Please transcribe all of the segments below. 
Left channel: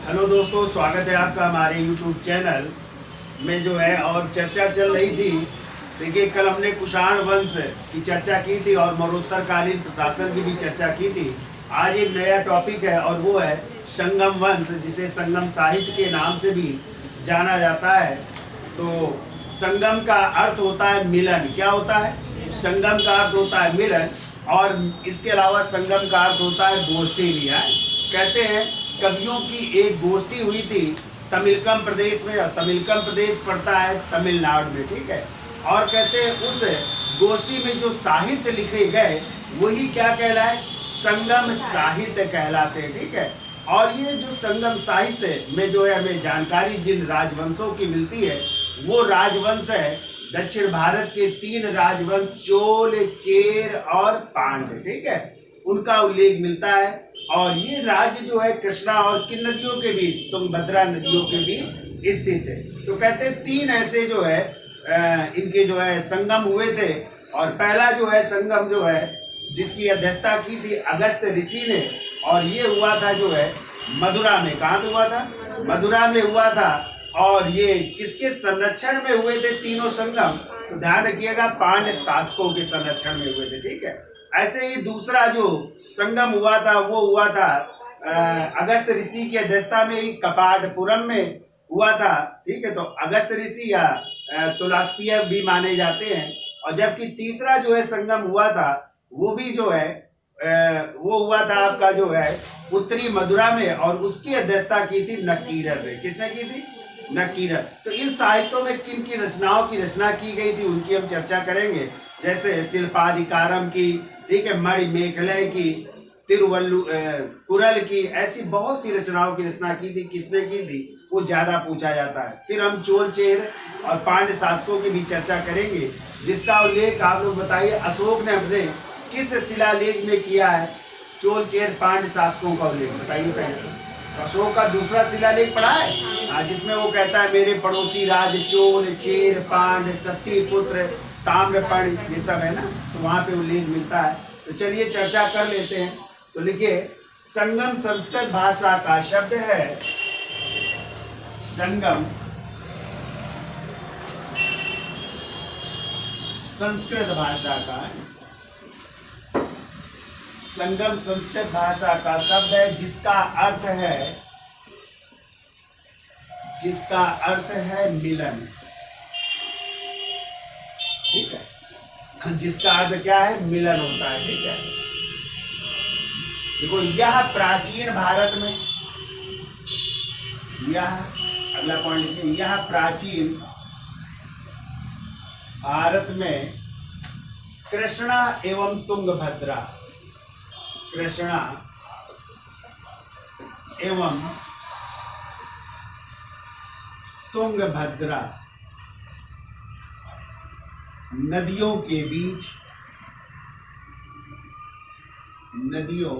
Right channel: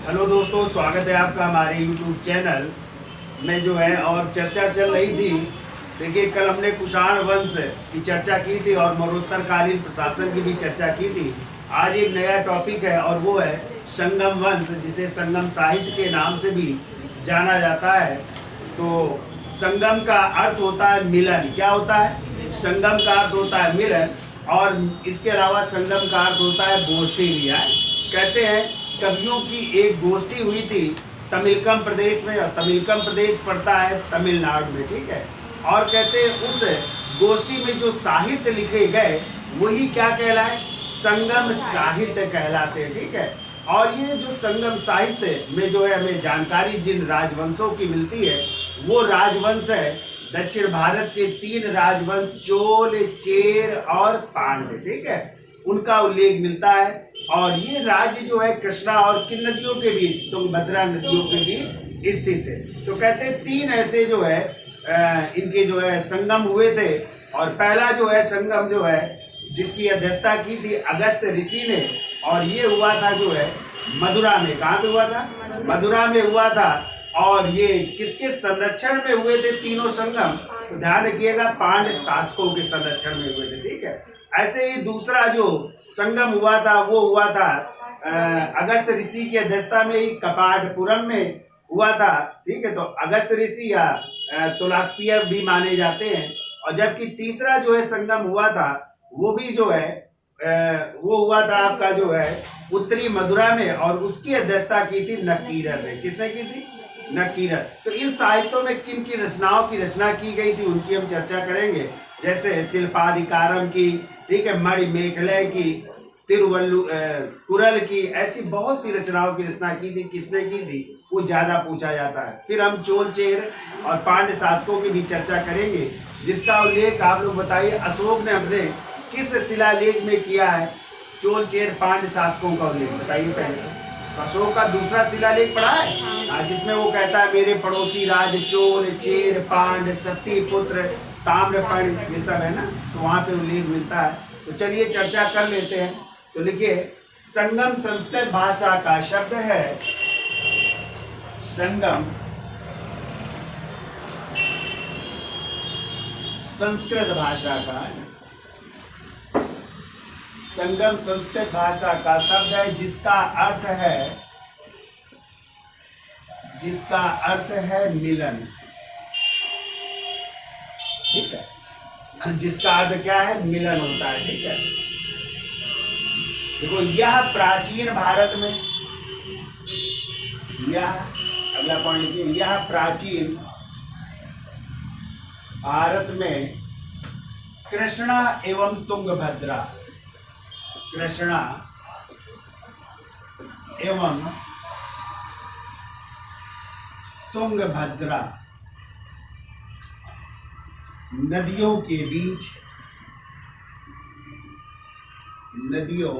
Hello दोस्तों, स्वागत है आपका हमारे YouTube चैनल में जो है। और चर्चा चल रही थी। देखिए, कल हमने कुषाण वंश की चर्चा की थी और मरणोत्तरकालीन प्रशासन की भी चर्चा की थी। आज एक नया टॉपिक है और वो है संगम वंश, जिसे संगम साहित्य के नाम से भी जाना जाता है। तो संगम का अर्थ होता है मिलन। क्या होता है? संगम का अर्थ होता है मिलन। और इसके अलावा संगम का अर्थ होता है गोष्ठी भी है। कहते हैं कवियों की एक गोष्ठी हुई थी तमिलकम प्रदेश में, और तमिलकम प्रदेश पड़ता है तमिलनाडु में, ठीक है। और कहते हैं उस गोष्ठी में जो साहित्य लिखे गए वही क्या कहलाए? संगम साहित्य कहलाते हैं, ठीक है। और ये जो संगम साहित्य में जो है हमें जानकारी जिन राजवंशों की मिलती है वो राजवंश है दक्षिण भारत के 3 राजवंश चोल, चेर और पांड्य, ठीक है, उनका उल्लेख मिलता है। और ये राज्य जो है कृष्णा और किन नदियों के बीच, तुंगभद्रा नदियों के बीच स्थित है। तो कहते हैं 3 ऐसे जो है इनके जो है संगम हुए थे। और पहला जो है संगम जो है जिसकी अध्यक्षता की थी अगस्त ऋषि ने, और ये हुआ था जो है मथुरा में। कहाँ पे हुआ था? मथुरा में हुआ था। और ये किसके संरक्षण में हुए थे तीनों संगम? तो ध्यान रखिएगा, पांड्य शासकों के संरक्षण में हुए थे, ठीक है। ऐसे ही दूसरा जो संगम हुआ था वो हुआ था अगस्त ऋषि की अध्यक्षता में ही कपाटपुरम में हुआ था, ठीक है। तो अगस्त ऋषि या तोलाक्पिय भी माने जाते हैं। और जबकि तीसरा जो है संगम हुआ था वो भी जो है वो हुआ था आपका जो है उत्तरी मथुरा में, और उसकी अध्यक्षता की थी नक्कीरर ने। किसने की थी? नक्कीरर। तो इन साहित्यों में किन की रचनाओं की रचना की गई थी उनकी हम चर्चा करेंगे। जैसे शिल्पाधिकारम की, ठीक है, मणिमेखले की, कुरल की, ऐसी बहुत सी रचनाओं की रचना की थी। किसने की थी वो ज्यादा पूछा जाता है। फिर हम चोल, चेर और पांड्य शासकों की भी चर्चा करेंगे, जिसका उल्लेख आप लोग बताइए अशोक ने अपने किस शिलालेख में किया है? चोल, चेर, पांड्य शासकों का उल्लेख बताइए पहले। तो अशोक का दूसरा शिलालेख पढ़ा है, जिसमें वो कहता है मेरे पड़ोसी राज चोल, चेर, पांड्य, सत्यपुत्र, ताम्रपर्णी, ये सब है ना। तो वहां पे उल्लेख मिलता है। तो चलिए चर्चा कर लेते हैं। तो लिखिए, संगम संस्कृत भाषा का शब्द है। संगम संस्कृत भाषा का, संगम संस्कृत भाषा का शब्द है जिसका अर्थ है मिलन, ठीक है। जिसका अर्थ क्या है? मिलन होता है, ठीक है। देखो, यह प्राचीन भारत में, यह अगला पॉइंट लिखिए, यह प्राचीन भारत में कृष्णा एवं तुंगभद्रा, कृष्णा एवं तुंगभद्रा नदियों के बीच, नदियों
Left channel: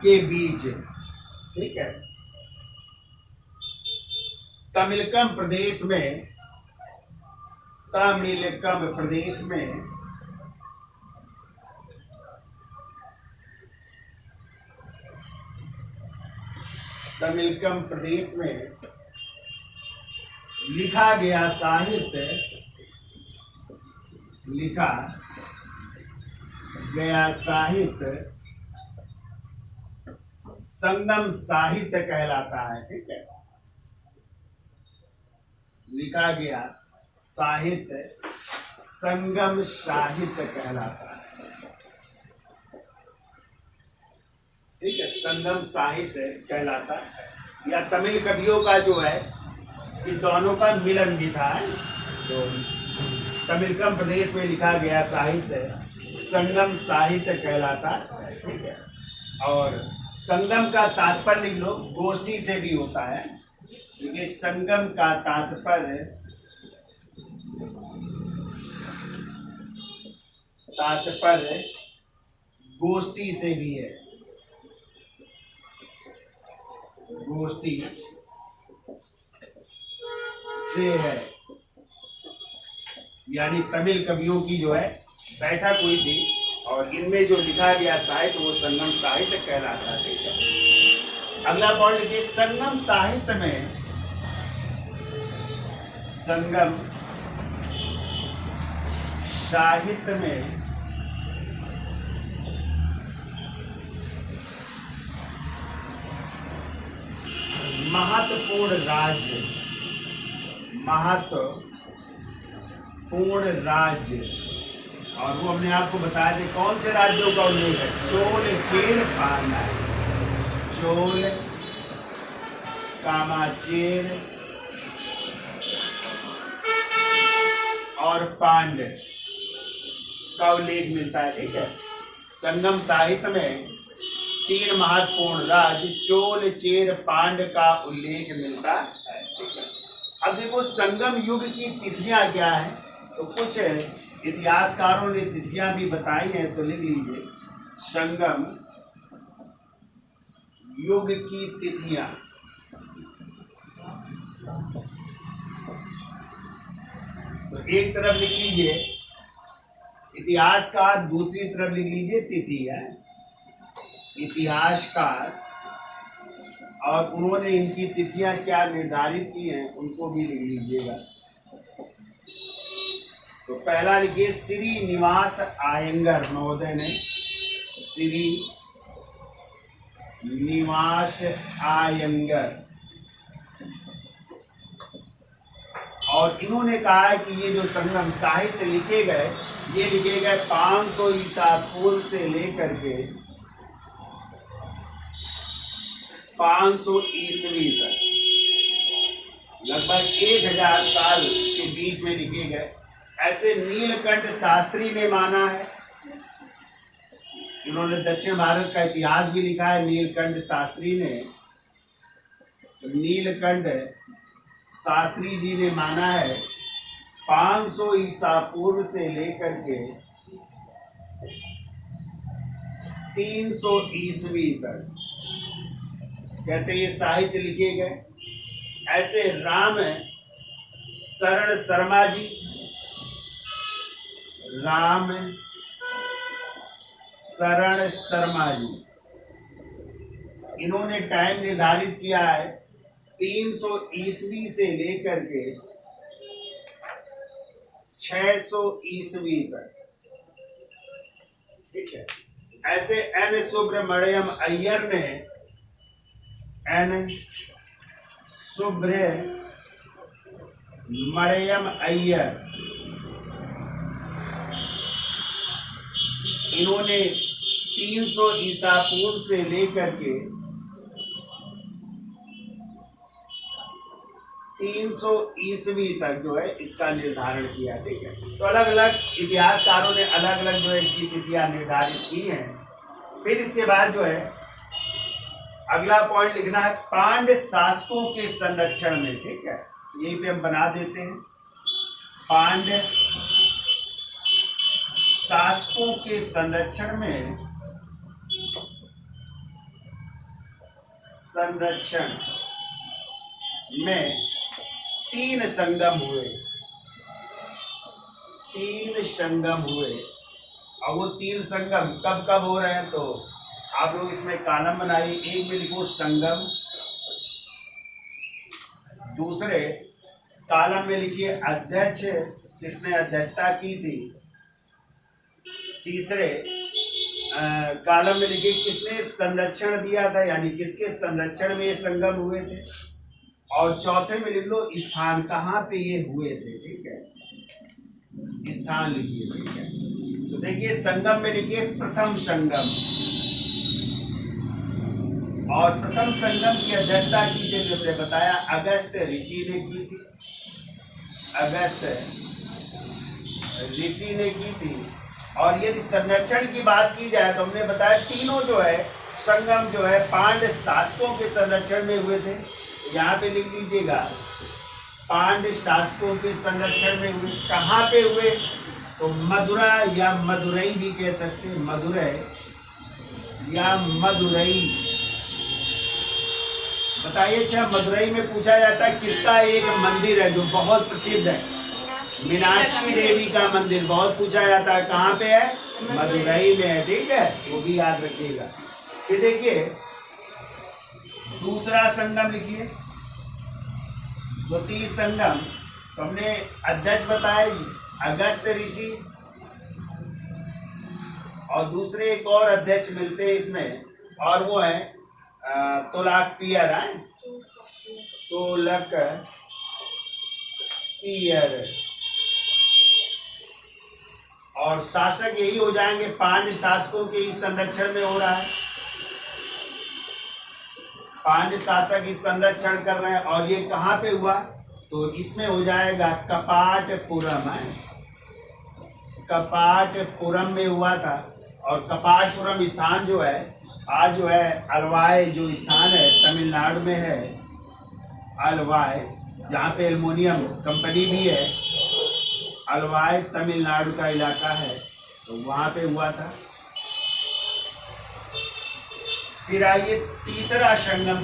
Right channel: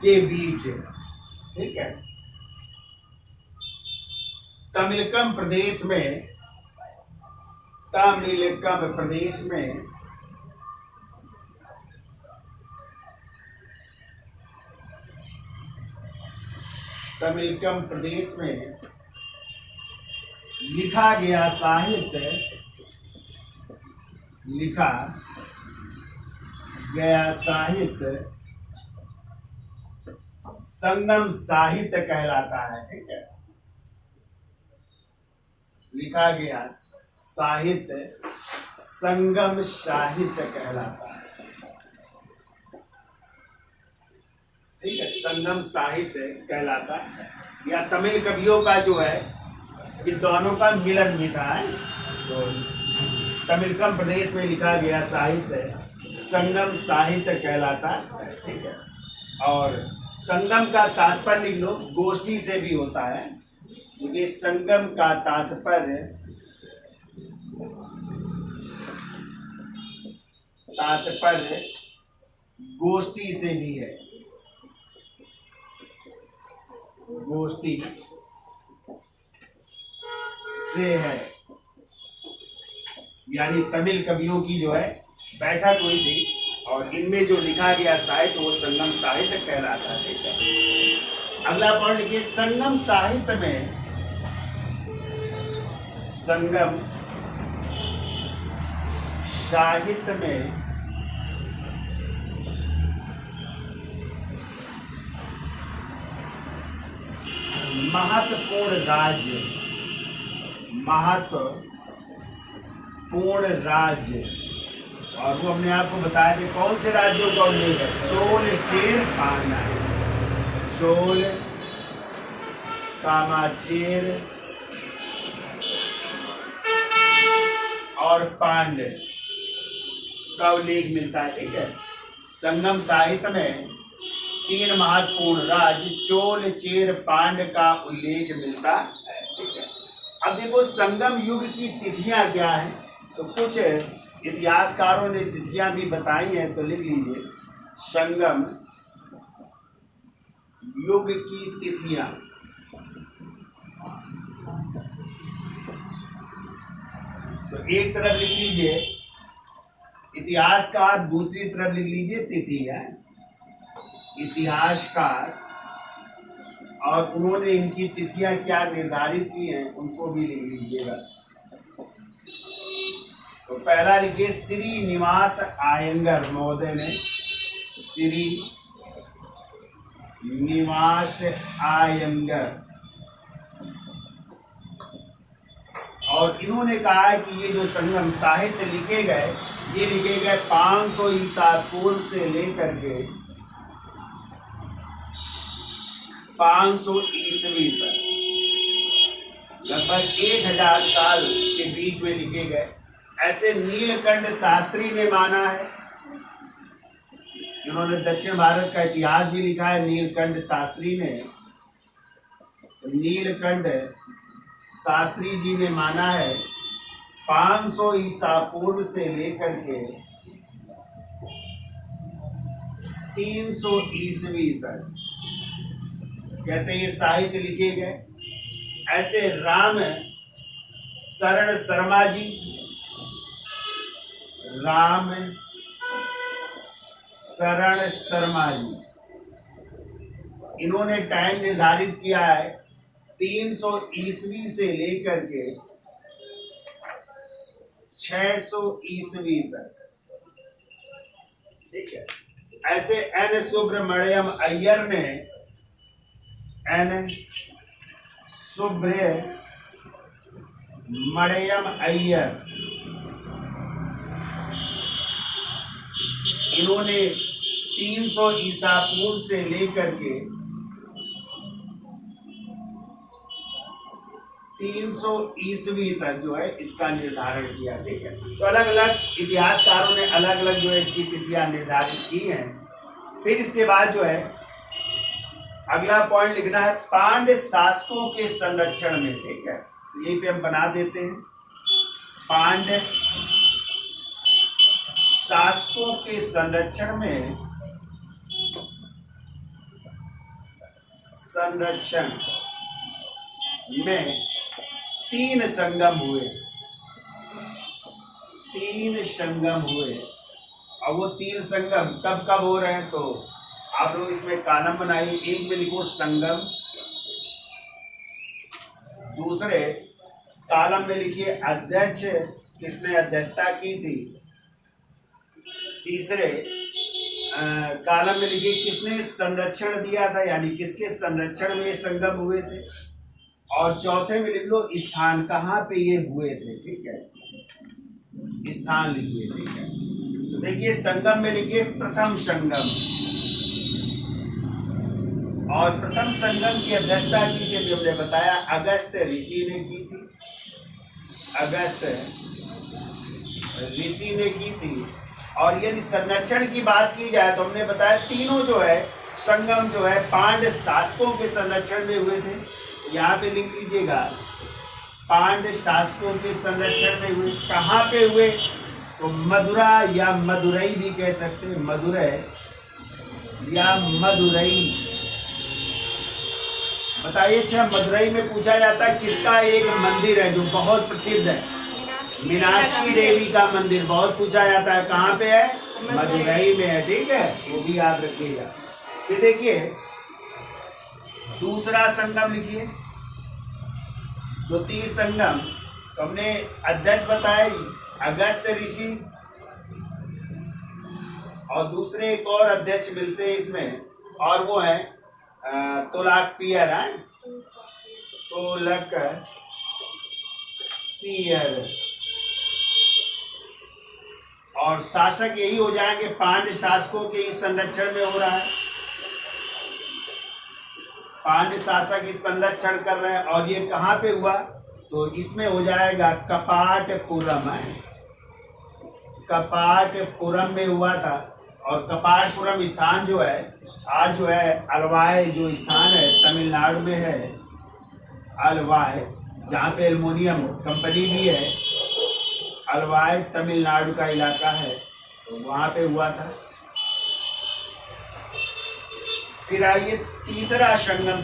के बीच, ठीक है, तमिलकम प्रदेश में, तमिलकम प्रदेश में तमिलकम प्रदेश में लिखा गया साहित्य, लिखा गया साहित्य संगम साहित्य कहलाता है, ठीक है। लिखा गया साहित्य संगम साहित्य कहलाता है, ठीक है, संगम साहित्य कहलाता है। या तमिल कवियों का जो है ये दोनों का मिलन भी था। तो तमिलकम प्रदेश में लिखा गया साहित्य संगम साहित्य कहलाता है, ठीक है। और संगम का तात्पर्य लिख लो, गोष्ठी से भी होता है, क्योंकि संगम का तात्पर्य गोष्ठी से भी है, गोष्ठी से है। यानी तमिल कवियों की जो है बैठक हुई थी और इनमें जो लिखा गया साहित्य वो संगम साहित्य कहलाता है। ठीक है, अगला पॉइंट लिखिए, संगम साहित्य में, संगम साहित्य में महत्वपूर्ण राज्य, महत्वपूर्ण राज्य, और वो अपने आप को बताया थे कौन से राज्यों का उल्लेख है, चोल, चेर, पांड्य। चोल, कामाचेर और पांड्य का उल्लेख मिलता है। ठीक है, संगम साहित्य में 3 महत्वपूर्ण राज्य चोल, चेर, पांड्य का उल्लेख मिलता है। ठीक है, अब देखो संगम युग की तिथियां क्या हैं, तो कुछ इतिहासकारों ने तिथियां भी बताई हैं, तो लिख लीजिए, संगम युग की तिथियां। तो एक तरफ लिख लीजिए इतिहासकार, दूसरी तरफ लिख लीजिए तिथि है, इतिहासकार, और उन्होंने इनकी तिथियां क्या निर्धारित की हैं उनको भी लिख लीजिएगा। तो पहला लिखिए, श्रीनिवास अयंगर महोदय ने, श्रीनिवास अयंगर, और इन्होंने कहा है कि ये जो संगम साहित्य लिखे गए, ये लिखे गए 500 ईसा पूर्व से लेकर के 500 ईस्वी तक, लगभग 1000 साल के बीच में लिखे गए। ऐसे नीलकंठ शास्त्री ने माना है, जिन्होंने दक्षिण भारत का इतिहास भी लिखा है, नीलकंठ शास्त्री ने, नीलकंठ शास्त्री जी ने माना है 500 ईसा पूर्व से लेकर के 300 ईस्वी तक, कहते हैं ये साहित्य लिखे गए। ऐसे राम शरण शर्मा जी, राम शरण शर्मा जी, इन्होंने टाइम निर्धारित किया है 300 ईस्वी से लेकर के 600 ईस्वी तक। ठीक है, ऐसे एन सुब्रमण्यम अय्यर ने, एन सुब्रमण्यम अय्यर, इन्होंने 300 ईसा पूर्व से लेकर के 300 ईस्वी तक जो है इसका निर्धारण किया। ठीक है, तो अलग अलग इतिहासकारों ने अलग अलग जो है इसकी तिथियां निर्धारित की हैं। फिर इसके बाद जो है अगला पॉइंट लिखना है, पांड्य शासकों के संरक्षण में। ठीक है, यहीं पे हम बना देते हैं, पांड्य शासकों के संरक्षण में, संरक्षण में 3 संगम हुए, 3 संगम हुए। और वो 3 संगम कब कब हो रहे हैं, तो आप लोग इसमें कॉलम बनाइए। एक में लिखो संगम, दूसरे कॉलम में लिखिए अध्यक्ष, किसने अध्यक्षता की थी, तीसरे कॉलम में लिखिए किसने संरक्षण दिया था, यानी किसके संरक्षण में ये संगम हुए थे, और चौथे में लिख लो स्थान, कहाँ पे ये हुए थे। ठीक है, स्थान लिखिए। ठीक है, तो देखिए संगम में लिखिए प्रथम संगम, और प्रथम संगम की अध्यक्षता की थी, जो हमने बताया अगस्त ऋषि ने की थी, अगस्त ऋषि ने की थी। और यदि संरक्षण की बात की जाए तो हमने बताया तीनों जो है संगम जो है पांड्य शासकों के संरक्षण में हुए थे। यहाँ पे लिख लीजिएगा, पांड्य शासकों के संरक्षण में हुए। कहाँ पे हुए, तो मदुरा या मदुरई भी कह सकते हैं, मदुरई या मदुरई। बताइए, अच्छा मदुरई में पूछा जाता है किसका एक मंदिर है जो बहुत प्रसिद्ध है, मीनाक्षी देवी का मंदिर बहुत पूछा जाता है, कहाँ पे है, मदुरई में है, ठीक है, वो भी याद रखिएगा। फिर देखिए दूसरा संगम लिखिए, द्वितीय संगम, तो हमने अध्यक्ष बताया अगस्त ऋषि, और दूसरे एक और अध्यक्ष मिलते हैं इसमें, और वो है तोलाकपियर है, तोलाकपियर। और शासक यही हो जाएंगे, पांड्य शासकों के इस संरक्षण में हो रहा है, पांड्य शासक इस संरक्षण कर रहे हैं। और ये कहाँ पे हुआ, तो इसमें हो जाएगा कपाटपुरम है, कपाटपुरम में हुआ था। और कपाटपुरम स्थान जो है आज जो है अलवाय जो स्थान है तमिलनाडु में है, अलवाय, जहाँ पे एल्युमिनियम कंपनी भी है, अलवाय तमिलनाडु का इलाका है, तो वहाँ पे हुआ था। फिर आइए तीसरा संगम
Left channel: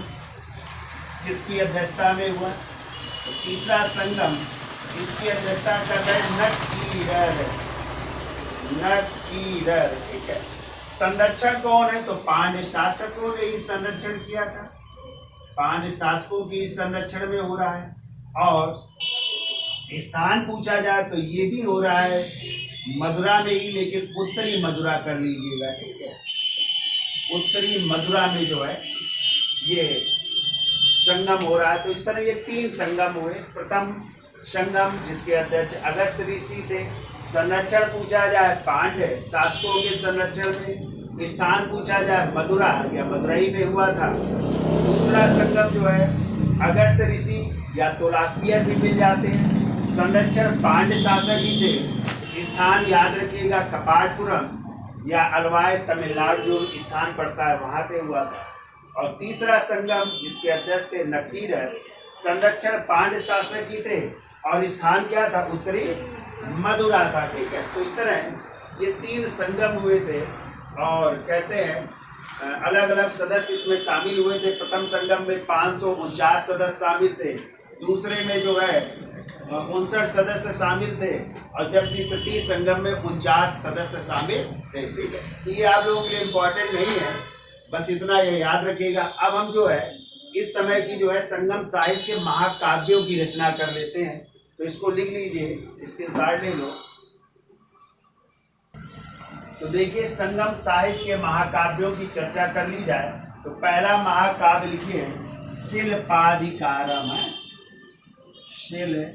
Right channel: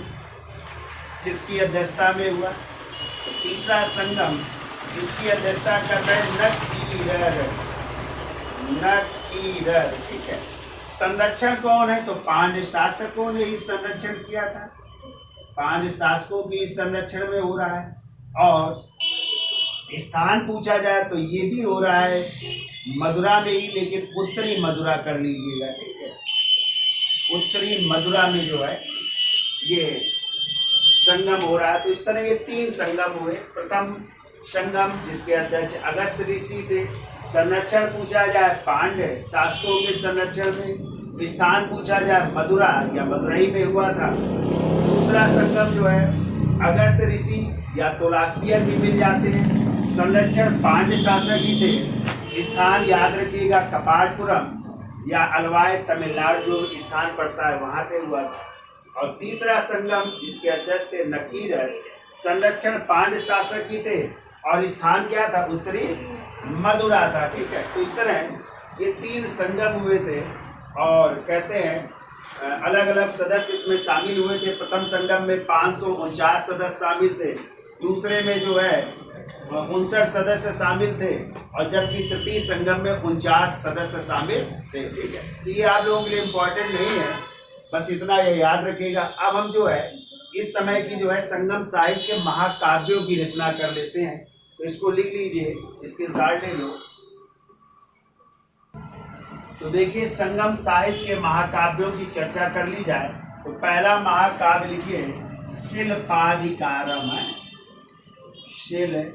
किसकी अध्यक्षता में हुआ, तो तीसरा संगम इसकी अध्यक्षता कर रहे नकीरर, नकीरर, ठीक है। संरक्षण कौन है, तो पांड्य शासकों ने इस संरक्षण किया था, पांड्य शासकों की इस संरक्षण में हो रहा है। और स्थान पूछा जाए तो ये भी हो रहा है मदुरा में ही, लेकिन उत्तरी मदुरा कर लीजिएगा, ठीक है, उत्तरी मदुरा में जो है ये संगम हो रहा है। तो इस तरह ये 3 संगम हुए। प्रथम संगम जिसके अध्यक्ष अगस्त ऋषि थे, संरक्षण पूछा जाए पांड्य शासकों के संरक्षण में, स्थान पूछा जाए मदुरा या मदुरई में हुआ था। दूसरा संगम जो है अगस्त ऋषि या तोलाकपियर भी मिल जाते हैं, संरक्षण पांड्य शासक ही थे, स्थान याद रखिएगा कपाटपुरम या अलवाय तमिलनाडु जो स्थान पड़ता है वहां पे हुआ था। और तीसरा संगम जिसके अध्यक्ष थे नकीरर, संरक्षण पांड्य शासक ही थे और स्थान क्या था, उत्तरी मदुरा था, ठीक है। तो इस तरह ये 3 संगम हुए थे और कहते हैं अलग अलग सदस्य इसमें शामिल हुए थे। प्रथम संगम में 549 सदस्य शामिल थे, दूसरे में जो है 59 सदस्य शामिल थे, और जबकि तृतीय संगम में 49 सदस्य शामिल थे, ठीक है। तो ये आप लोगों के लिए इम्पोर्टेंट नहीं है, बस इतना ये याद रखिएगा। अब हम जो है इस समय की जो है संगम साहित्य के महाकाव्यों की रचना कर लेते हैं, तो इसको लिख लीजिए, इसके साथ ले लो। तो देखिए संगम साहित्य के महाकाव्यों की चर्चा कर ली जाए तो पहला महाकाव्य लिखिए शिल्पाधिकारम है, शिल्पाधिकारम।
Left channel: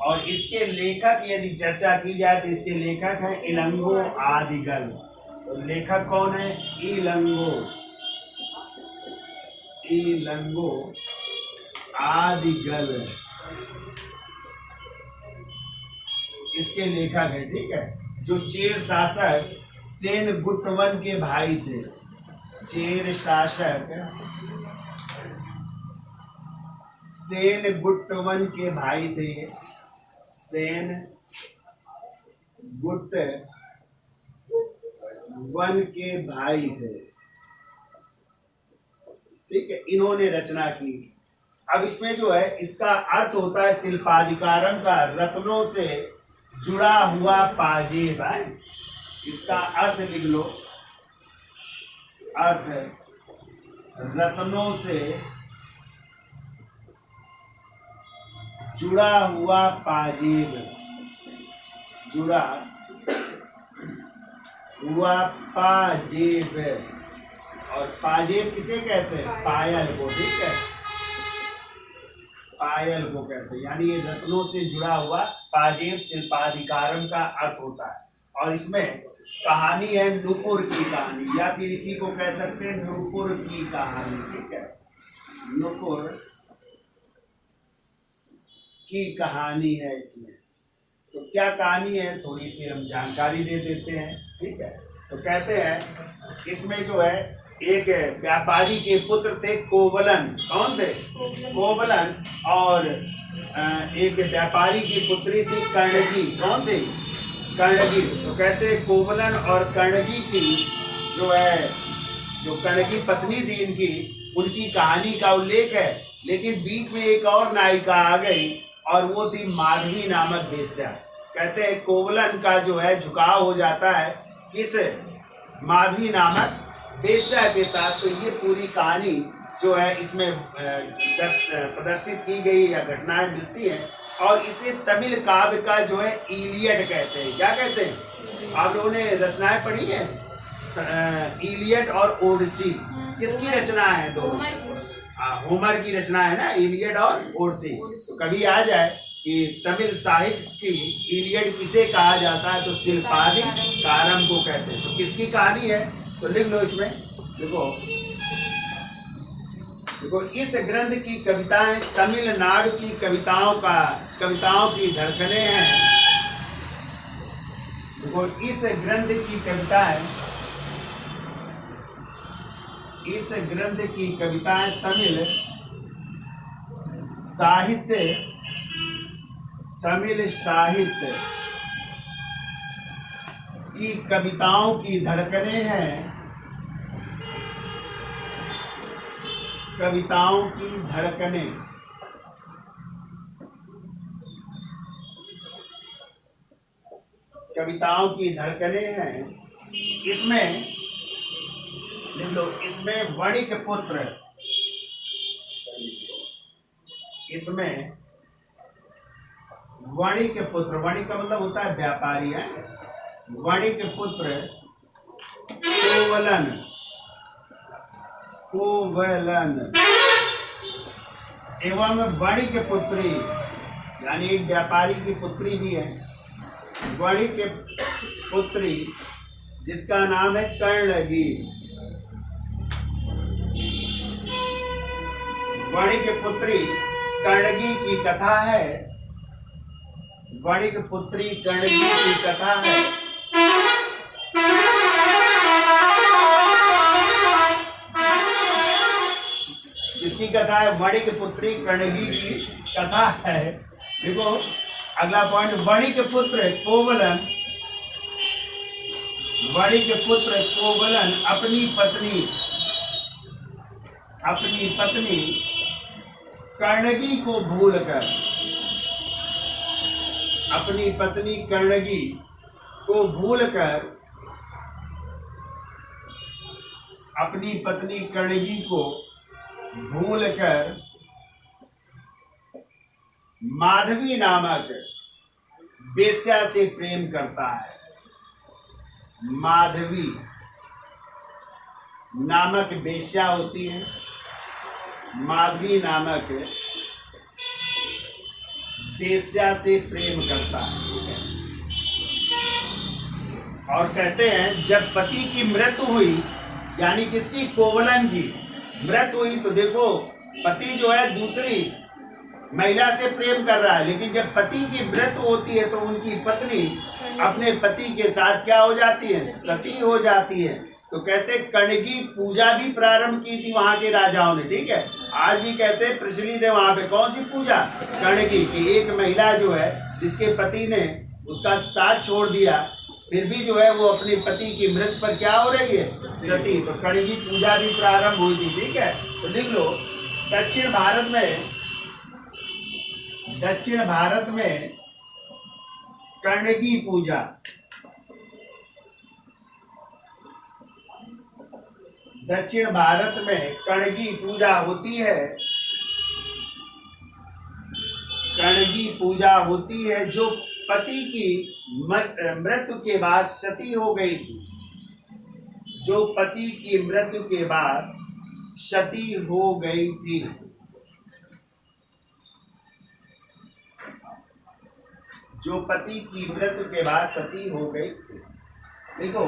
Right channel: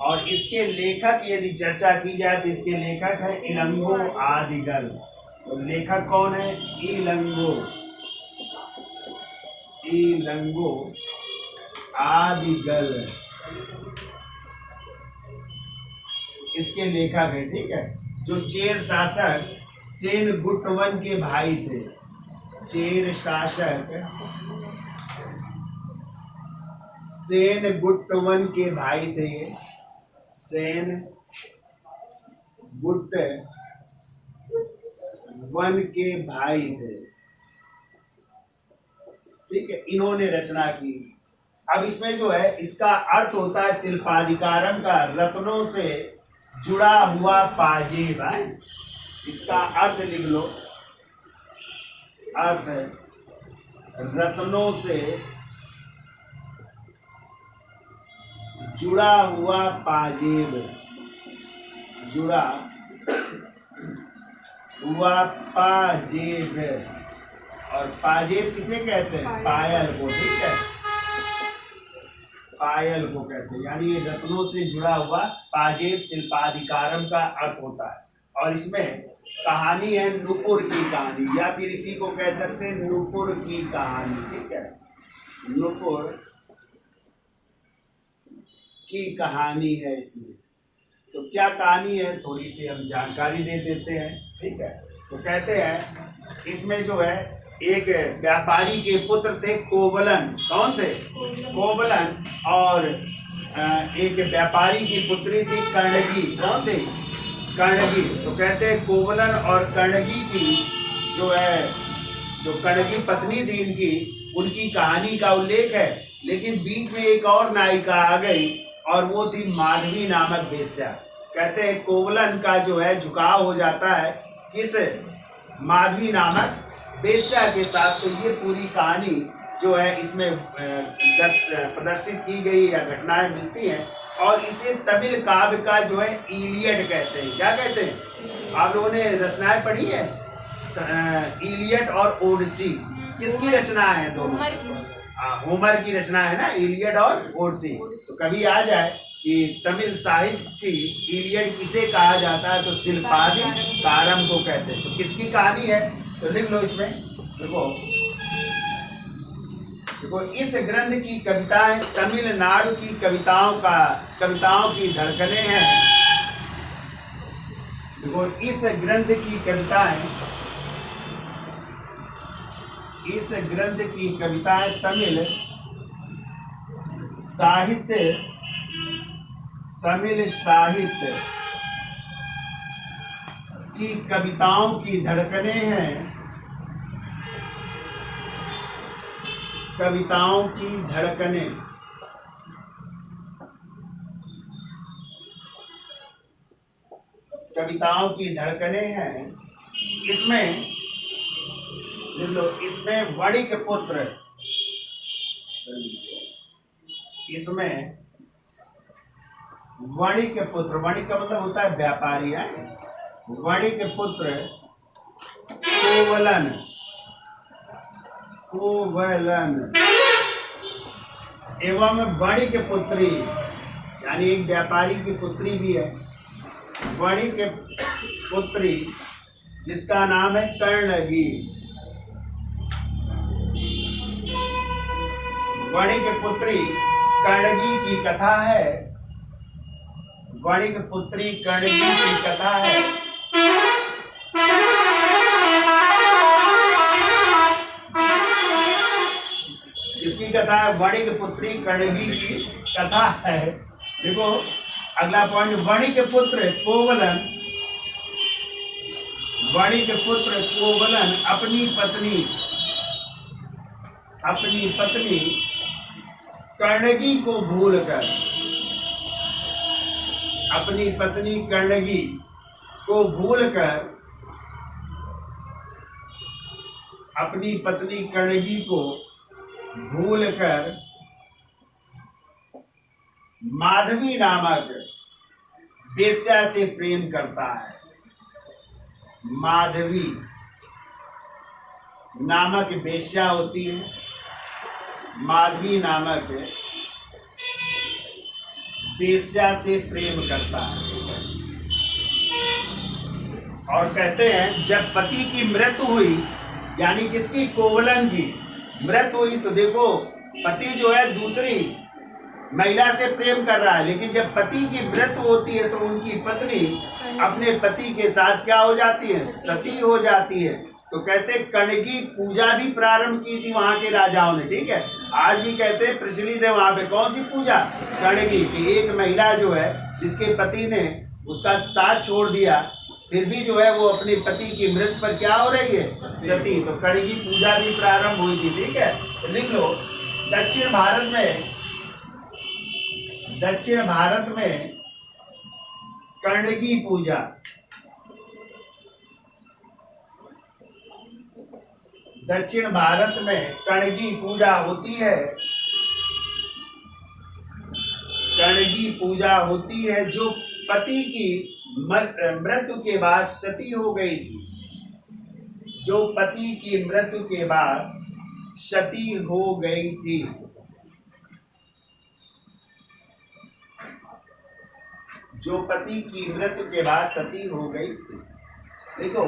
और इसके लेखक यदि चर्चा की जाए तो इसके लेखक है इलंगो आदिगल। तो लेखक कौन है, इलंगो आदिगल इसके लेखक है, ठीक है। जो चेर शासक सेनगुट्टवन के भाई थे, चेर शासक सेनगुट्टवन के भाई थे, ये सेनगुट्टवन के भाई थे, ठीक है। इन्होंने रचना की। अब इसमें जो है इसका अर्थ होता है शिल्पाधिकारम का रत्नों से जुड़ा हुआ पाजेब है, इसका अर्थ लिख लो, अर्थ है रत्नों से जुड़ा हुआ पाजेब, जुड़ा हुआ पाजेब। और पाजेब किसे कहते हैं, पायल को, ठीक है, पायल को कहते हैं। यानी ये रत्नों से जुड़ा हुआ पाजेब शिल्पाधिकारम का अर्थ होता है। और इसमें कहानी है नूपुर की कहानी, या फिर इसी को कह सकते हैं नूपुर की कहानी, ठीक है, नूपुर की कहानी है इसमें। तो क्या कहानी है, थोड़ी सी हम जानकारी दे देते हैं, ठीक है। तो कहते हैं इसमें जो है एक व्यापारी के पुत्र थे कोवलन। कौन थे, कोवलन। और एक व्यापारी की पुत्री थी कर्णगी। कौन थी, कर्णगी। तो कहते हैं कोवलन और कर्णगी की जो है, जो कर्णगी पत्नी थी इनकी, उनकी कहानी का उल्लेख है। लेकिन बीच में एक और नायिका आ गई और वो थी माधवी नामक वेश्या। कहते हैं कोवलन का जो है झुकाव हो जाता है किस माधवी नामक वेश्या के साथ। तो ये पूरी कहानी जो है इसमें प्रदर्शित की गई या घटनाएं मिलती हैं। और इसे तमिल काव्य का जो है इलियड कहते हैं। क्या कहते हैं? आप लोगों ने रचनाएं पढ़ी है? इलियड और ओडिसी किसकी रचना है? दोनों होमर की रचना है ना, इलियड और ओडिसी। तो कभी आ जाए कि तमिल साहित्य की इलियड किसे कहा जाता है, तो शिल्पादि कारम को कहते हैं। तो किसकी कहानी है? तो लिख लो इसमें। देखो इस ग्रंथ की कविताएं तमिलनाडु की कविताओं की धड़कने हैं। देखो इस ग्रंथ की कविताएं तमिल साहित्य की कविताओं की धड़कने हैं। कविताओं की धड़कने हैं। इसमें लिख लो, इसमें वणिक पुत्र, वणिक का मतलब होता है व्यापारी है। वणिक पुत्र कोवलन एवं वणिक पुत्री, यानी एक व्यापारी की पुत्री भी है। वणिक पुत्री जिसका नाम है कर्णगी। वणिक पुत्री कर्णगी की कथा है। वणिक पुत्री कर्णगी की कथा है। किसकी कथा है? वणिक पुत्री कर्णगी की कथा है। देखो अगला पॉइंट, वणिक पुत्र कोवलन अपनी पत्नी कर्णगी को भूलकर, माधवी नामक वेश्या से प्रेम करता है। माधवी नामक वेश्या होती है। माधवी नामक वेश्या से प्रेम करता है। और कहते हैं जब पति की मृत्यु हुई, यानी किसकी? कोवलन की मृत्यु हुई। तो देखो पति जो है दूसरी महिला से प्रेम कर रहा है, लेकिन जब पति की मृत्यु होती है तो उनकी पत्नी अपने पति के साथ क्या हो जाती है? सती हो जाती है। तो कहते कर्णगी पूजा भी प्रारंभ की थी वहां के राजाओं ने। ठीक है, आज भी कहते हैं प्रचलित है वहां पे। कौन सी पूजा? कर्णगी की। एक महिला जो है जिसके पति ने उसका साथ छोड़ दिया, फिर भी जो है वो अपने पति की मृत्यु पर क्या हो रही है? सती। तो कर्णगी पूजा भी प्रारंभ हुई थी। ठीक है, तो लिख लो दक्षिण भारत में कर्णगी पूजा, दक्षिण भारत में कर्णगी पूजा होती है। कर्णगी पूजा होती है जो पति की मृत्यु के बाद सती हो गई थी। जो पति की मृत्यु के बाद सती हो गई थी। जो पति की मृत्यु के बाद सती हो गई थी। देखो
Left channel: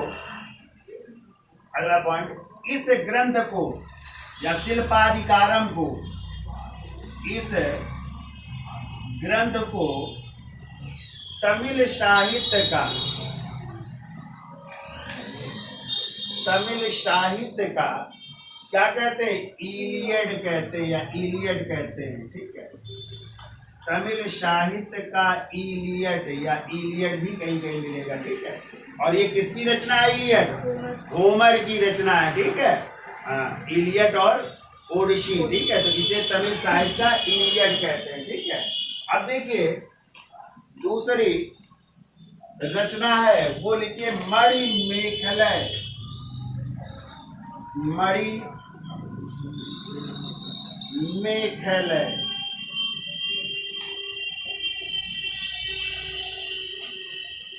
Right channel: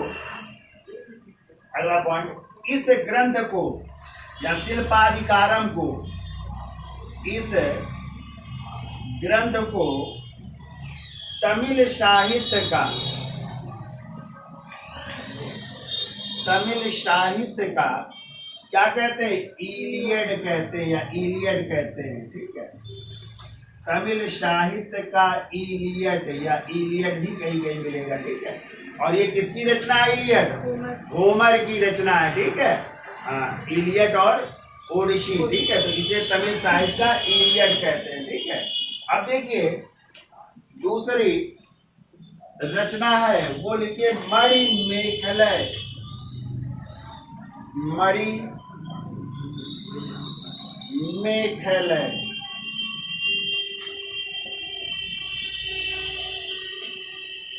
अगला पॉइंट, इस ग्रंथ को या शिल्पाधिकारम को, इस ग्रंथ को तमिल साहित्य का क्या कहते हैं? इलियड कहते हैं या इलियड कहते हैं। ठीक है, तमिल साहित्य का इलियड या इलियड भी कहीं कहीं मिलेगा। ठीक है, और ये किसकी रचना है? इलियड होमर की रचना है। ठीक है, इलियड और ओडिसी, ठीक है। तो इसे तमिल साहित्य का इलियड कहते हैं, ठीक है। अब देखिए दूसरी रचना है, वो लिखिए मणिमेखलय। मणिमेखलय,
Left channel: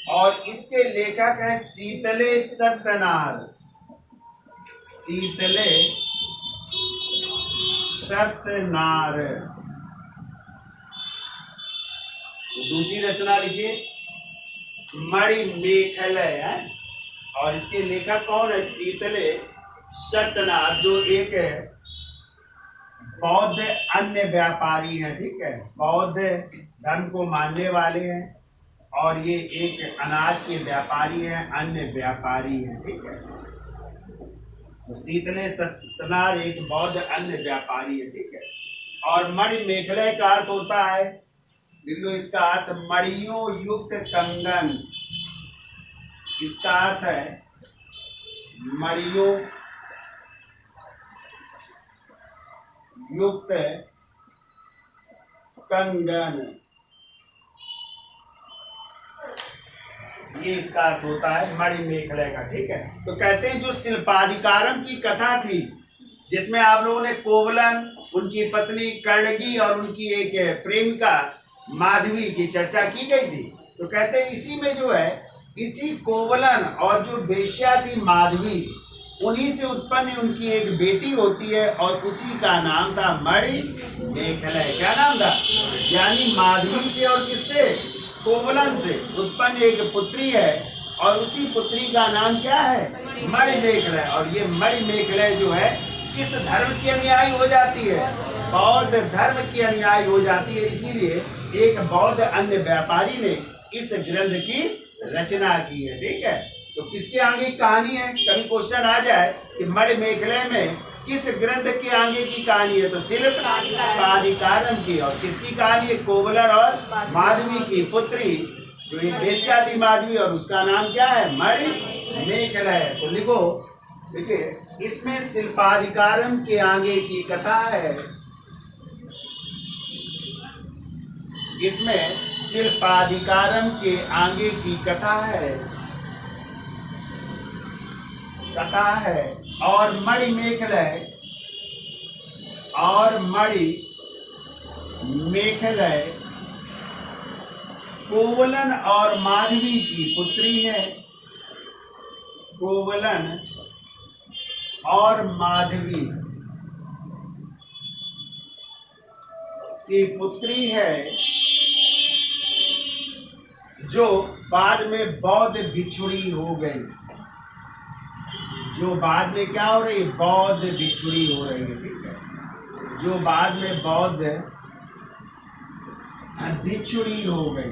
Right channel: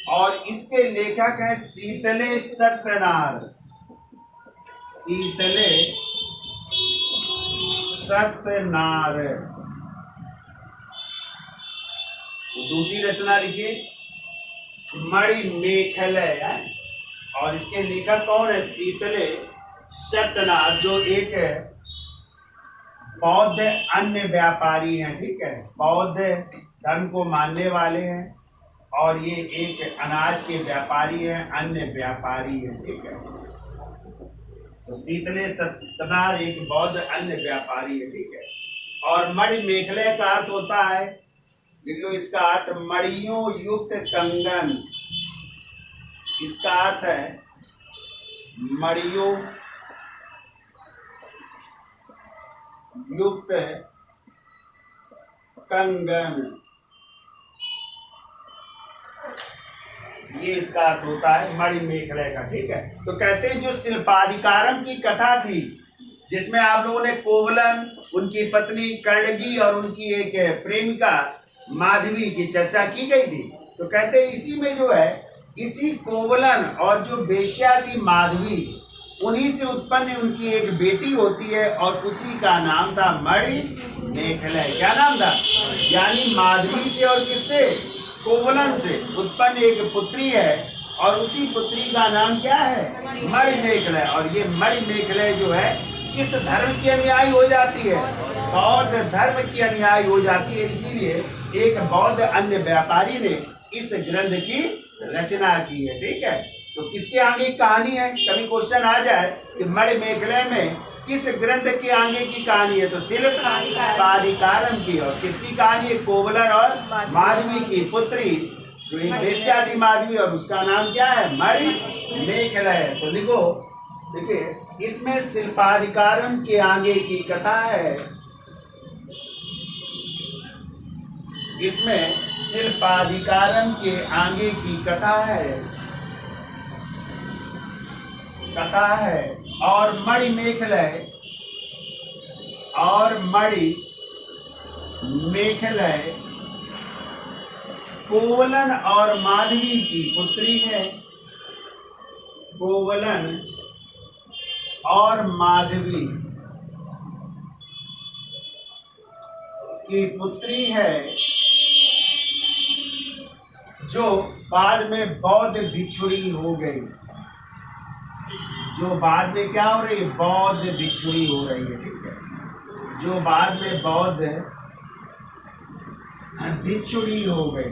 और इसके लेखक है शीतले सत्यनार। शीतले सत्यनार। तो दूसरी रचना लिखिए मणिमेखलय है, और इसके लेखक कौन है? शीतले सत्यनार, जो एक बौद्ध अन्य व्यापारी हैं, ठीक है। बौद्ध धर्म को मानने वाले हैं, और ये एक अनाज के व्यापारी हैं, अन्य व्यापारी हैं, ठीक है। तो शीतले सत्यनार एक बौद्ध अन्य व्यापारी है, ठीक है। और मणिमेखलय का अर्थ होता है, लिख लो इसका अर्थ, मणियों युक्त कंगन। इसका अर्थ है मणियों युक्त कंगन, ये इसका अर्थ होता है मणिमेखलय का, ठीक है। तो कहते हैं जो शिल्पाधिकारम की कथा थी, जिसमें आप लोगों ने कोवलन, उनकी पत्नी कर्णगी और उनकी एक प्रेमिका माधवी की चर्चा की गई थी। तो कहते हैं इसी में जो है, इसी कोवलन और जो वेश्या थी माधवी, उन्हीं से उत्पन्न उनकी एक बेटी होती है, और उसी का नाम था मणिमेखलय। क्या नाम था? यानी माधवी से और किससे? कोवलन से उत्पन्न एक पुत्री है, और उसी पुत्री का नाम क्या है? मणिमेखलय। और ये मणिमेखलय जो है किस धर्म की अनुयायी हो जाती है? बौद्ध धर्म की अनुयायी हो जाती है। इसीलिए एक बौद्ध अन्य व्यापारी ने इस ग्रंथ की रचना की है, ठीक है। तो किसके आगे कहानी है? कभी क्वेश्चन आ जाए कि मणिमेखलय में किस ग्रंथ के आगे की कहानी है, तो शिल्पाधिकारम की। और किसकी कहानी है? कोवलन और माधवी की पुत्री, जो एक वेश्या थी माधवी, और उसका नाम क्या है? मणिमेखलय। तो लिखो, देखिए इसमें शिल्पाधिकारम के आगे की कथा है। इसमें शिल्पाधिकारम के आगे की कथा है, और मणिमेखलय कोवलन और माधवी की पुत्री है। कोवलन और माधवी की पुत्री है, जो बाद में बौद्ध भिक्षुणी हो गई। जो बाद में क्या हो रही है? बौद्ध भिक्षुणी हो रही है, ठीक है। जो बाद में बौद्ध भिक्षुणी हो गई,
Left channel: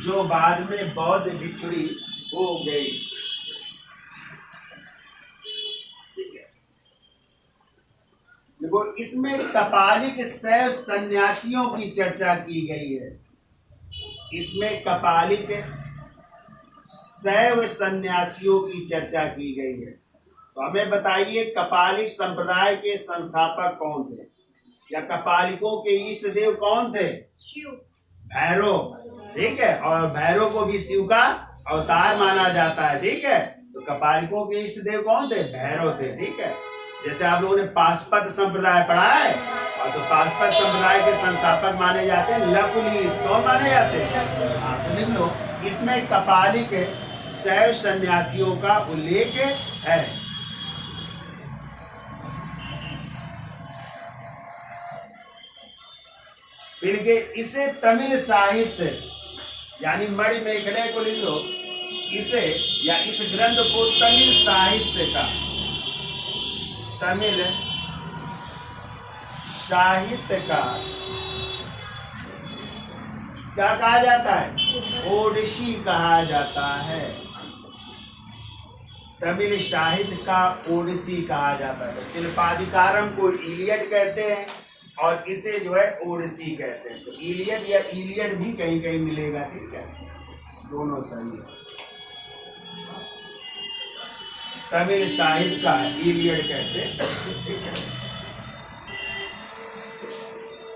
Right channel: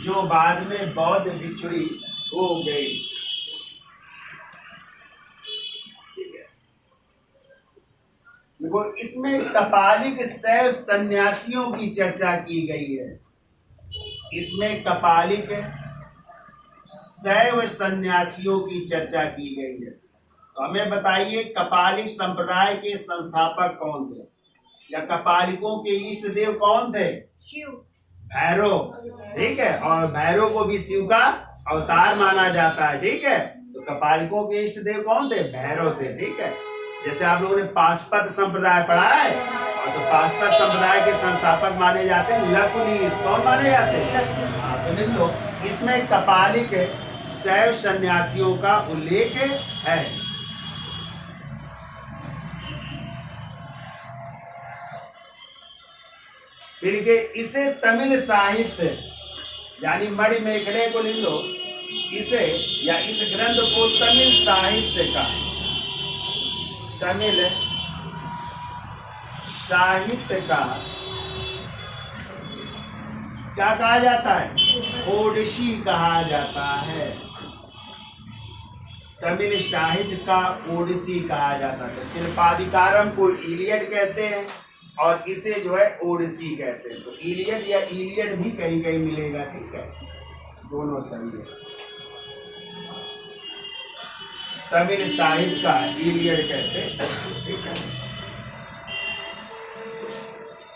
जो बाद में बौद्ध भिक्षुणी हो गई, ठीक है। देखो इसमें कपालिक शैव सन्यासियों की चर्चा की गई है। इसमें कपालिक शैव सन्यासियों की चर्चा की गई है। तो हमें बताइए कपालिक संप्रदाय के संस्थापक कौन थे, या कपालिकों के इष्ट देव कौन थे? शिव, भैरव, ठीक है। और भैरव को भी शिव का अवतार माना जाता है, ठीक है। तो कपालिकों के इष्ट देव कौन थे? भैरव थे, ठीक है। जैसे आप लोगों ने पाशुपत संप्रदाय पढ़ा है, और तो पाशुपत संप्रदाय के संस्थापक माने जाते हैं लकुलिश। कौन माने जाते हैं? हाँ, तो लिख लो, इसमें कपालिक शैव सन्यासियों का उल्लेख है। फिर के इसे तमिल साहित्य, यानी मणिमेखलय को लिख लो, इसे या इस ग्रंथ को तमिल साहित्य का क्या कहा जाता है? ओडिसी कहा जाता है। तमिल साहित्य का ओडिसी कहा जाता है। तो शिल्पाधिकारम को इलियड कहते हैं, और इसे जो है ओडिसी कहते हैं। तो इलियड या इलियड भी कहीं कहीं मिलेगा, ठीक है। दोनों सही है। तमिल साहित्य का इलियड कहते हैं, ठीक है।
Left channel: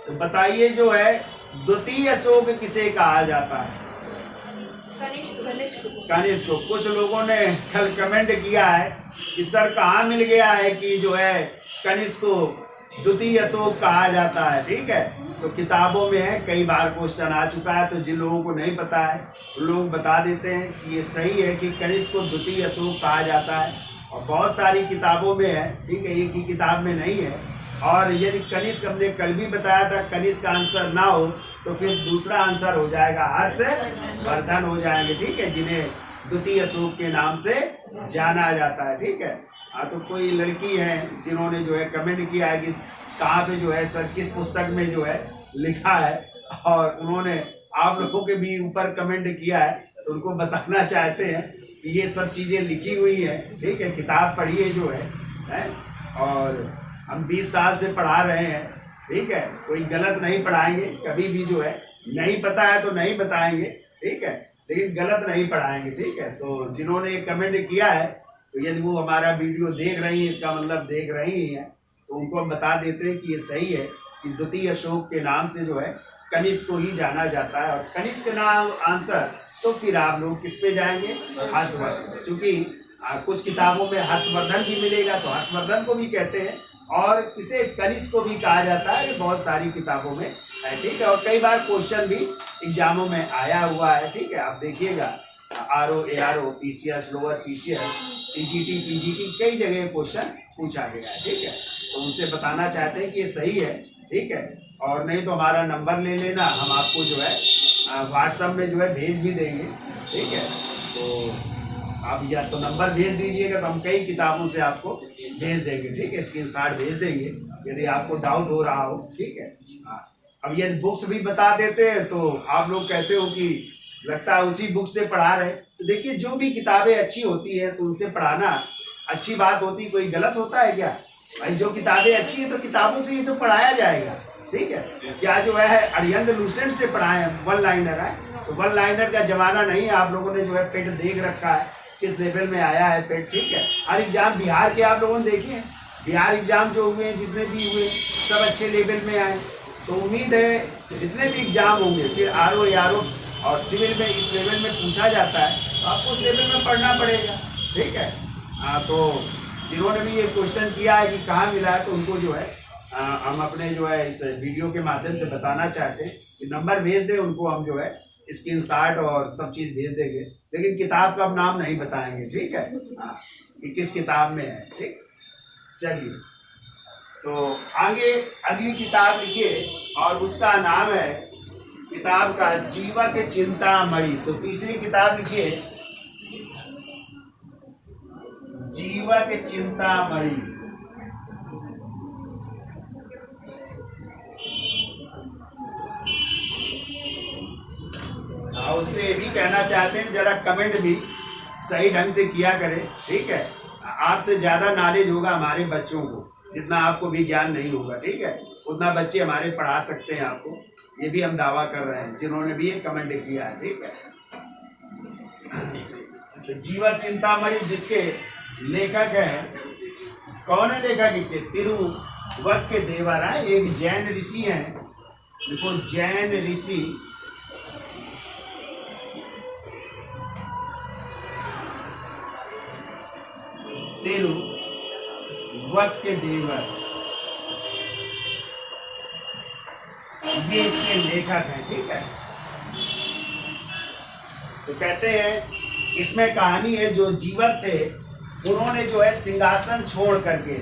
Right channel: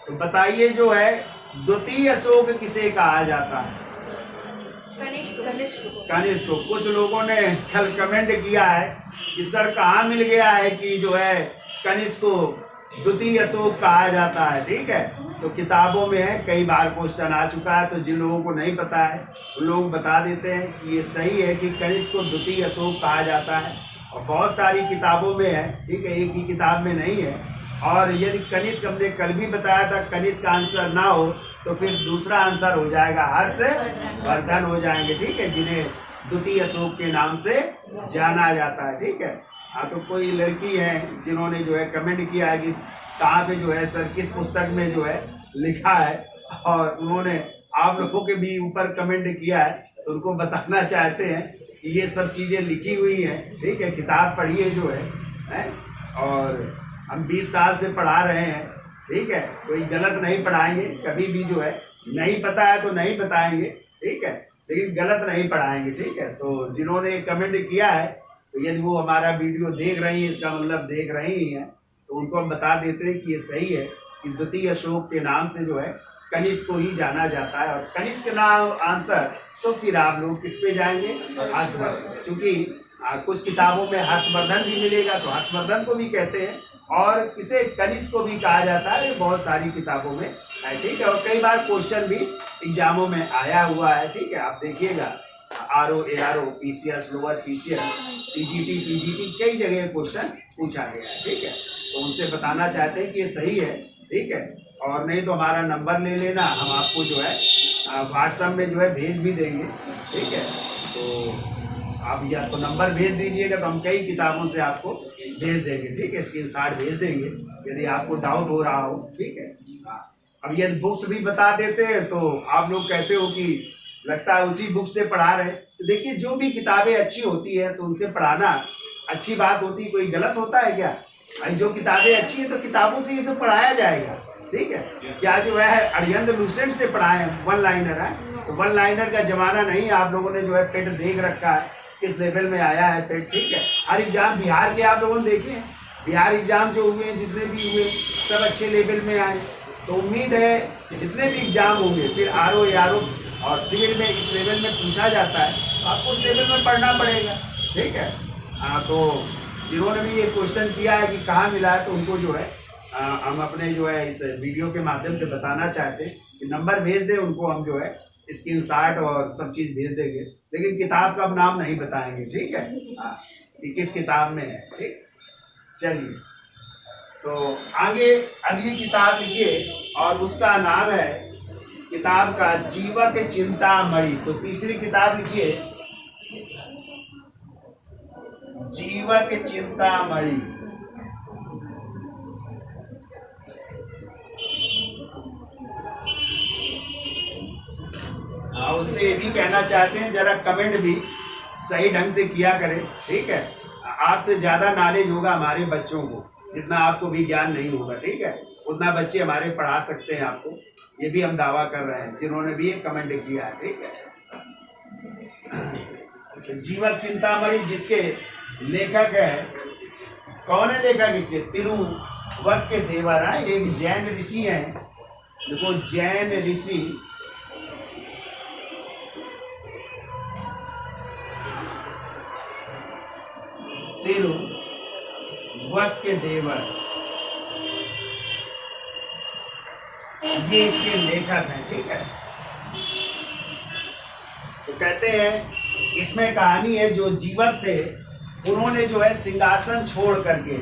तो बताइए जो है द्वितीय अशोक किसे कहा जाता है? कनिष्क को। कुछ लोगों ने कल कमेंट किया है कि सर कहाँ मिल गया है कि जो है कनिष्क को द्वितीय अशोक कहा जाता है, ठीक है। तो किताबों में है, कई बार क्वेश्चन आ चुका है, तो जिन लोगों को नहीं पता है वो लोग बता देते हैं कि ये सही है कि कनिष्क को द्वितीय अशोक कहा जाता है, और बहुत सारी किताबों में है, ठीक है, एक ही किताब में नहीं है। और यदि कनिष्क हमने कल भी बताया था, कनिष्क का आंसर ना हो तो फिर दूसरा आंसर हो जाएगा हर्षवर्धन हो जाएंगे, ठीक है, जिन्हें द्वितीय अशोक के नाम से जाना जाता है, ठीक है। हाँ, तो कोई लड़की है जिन्होंने जो है कमेंट किया है कि कहाँ पे जो है सर किस पुस्तक में जो है लिखा है, और उन्होंने आप लोगों के भी ऊपर कमेंट किया है, तो उनको बताना चाहते हैं कि ये सब चीज़ें लिखी हुई हैं, ठीक है, किताब पढ़िए जो है। और हम 20 साल से पढ़ा रहे हैं, ठीक है, कोई गलत नहीं पढ़ाएंगे कभी भी, जो है नहीं पता है तो नहीं बताएंगे, ठीक है, लेकिन गलत नहीं पढ़ाएंगे, ठीक है। तो जिन्होंने कमेंट किया है, तो यदि वो हमारा वीडियो देख रही हैं, इसका मतलब देख रही हैं, तो उनको हम बता देते हैं कि ये सही है कि द्वितीय अशोक के नाम से जो है कनिष्क को ही जाना जाता है। और कनिष्क का नाम आंसर, तो फिर आप लोग किस पे जाएंगे? हर्षवर्धन, क्योंकि कुछ किताबों में हर्षवर्धन भी मिलेगा, तो हर्षवर्धन को भी कहते हैं, और इसे कनिष्क को भी कहा जाता है, ये बहुत सारी किताबों में है, ठीक है। और कई बार क्वेश्चन भी एग्जामों में आया हुआ है, ठीक है, आप देखिएगा RO ARO PCS lower PCS TGT PGT कई जगह क्वेश्चन पूछा गया है, ठीक है। तो उनसे बताना चाहते हैं कि ये सही है, ठीक है। और नहीं तो हमारा नंबर ले लेना, हम आपको जो है व्हाट्सएप में जो है भेज भी देंगे, ठीक है। तो आप या तो नंबर भेज दीजिएगा, तो हम कई किताबों से आपको भेज देंगे, ठीक है, स्क्रीनशॉट भेज देंगे यदि आपको डाउट हो रहा हो, ठीक है। अब यदि बुक्स भी बता देते हैं तो आप लोग कहते हो कि लगता है उसी बुक से पढ़ा रहे, तो देखिए जो भी किताबें अच्छी होती है तो उनसे पढ़ाना अच्छी बात होती, कोई गलत होता है क्या भाई? जो किताबें अच्छी है तो किताबों से ही तो पढ़ाया जाएगा, ठीक है। क्या जो है अरिहंत लूसेंट से पढ़ाए वन लाइनर है, तो वन लाइनर का जमाना नहीं है। आप लोगों ने जो है पेट देख रखा है, किस लेवल में आया है पेट, ठीक है। हर एग्जाम बिहार के आप लोगों ने देखे हैं, बिहार एग्जाम जो हुए हैं जितने भी हुए सब अच्छे लेवल में आए, तो उम्मीद है जितने भी एग्जाम होंगे फिर RO ARO और सिविल में इस लेवल में पूछा जाता है, तो आपको उस लेवल में पढ़ना पड़ेगा, ठीक है। तो जिन्होंने भी ये क्वेश्चन किया है कि कहाँ मिला है, तो उनको जो है हम अपने जो है इस वीडियो के माध्यम से बताना चाहते हैं कि नंबर भेज दें, उनको हम जो है स्क्रीनशॉट और सब चीज़ भेज देंगे, लेकिन किताब का हम नाम नहीं बताएंगे, ठीक है, कि किस किताब में है, ठीक। चलिए, तो आगे अगली किताब लिखिए, और उसका नाम है किताब का जीवक चिंतामणि। तो तीसरी किताब लिखिए जीवक चिंतामणि। उनसे ये भी कहना चाहते हैं जरा कमेंट भी सही ढंग से किया करें, ठीक है। आपसे ज्यादा नॉलेज होगा हमारे बच्चों को, जितना आपको भी ज्ञान नहीं होगा, ठीक है, उतना बच्चे हमारे पढ़ा सकते हैं आपको, ये भी हम दावा कर रहे हैं जिन्होंने भी एक कमेंट किया है, ठीक है। तो जीवक चिंतामणि जिसके लेखक है, कौन है लेखक इसके? तिरुवक्केदेवर, एक जैन ऋषि हैं, देखो जैन ऋषि तिरुवक्केदेवर, ये इसके लेखक हैं, ठीक है। तो कहते हैं इसमें कहानी है, जो जीवक थे उन्होंने जो है सिंहासन छोड़ करके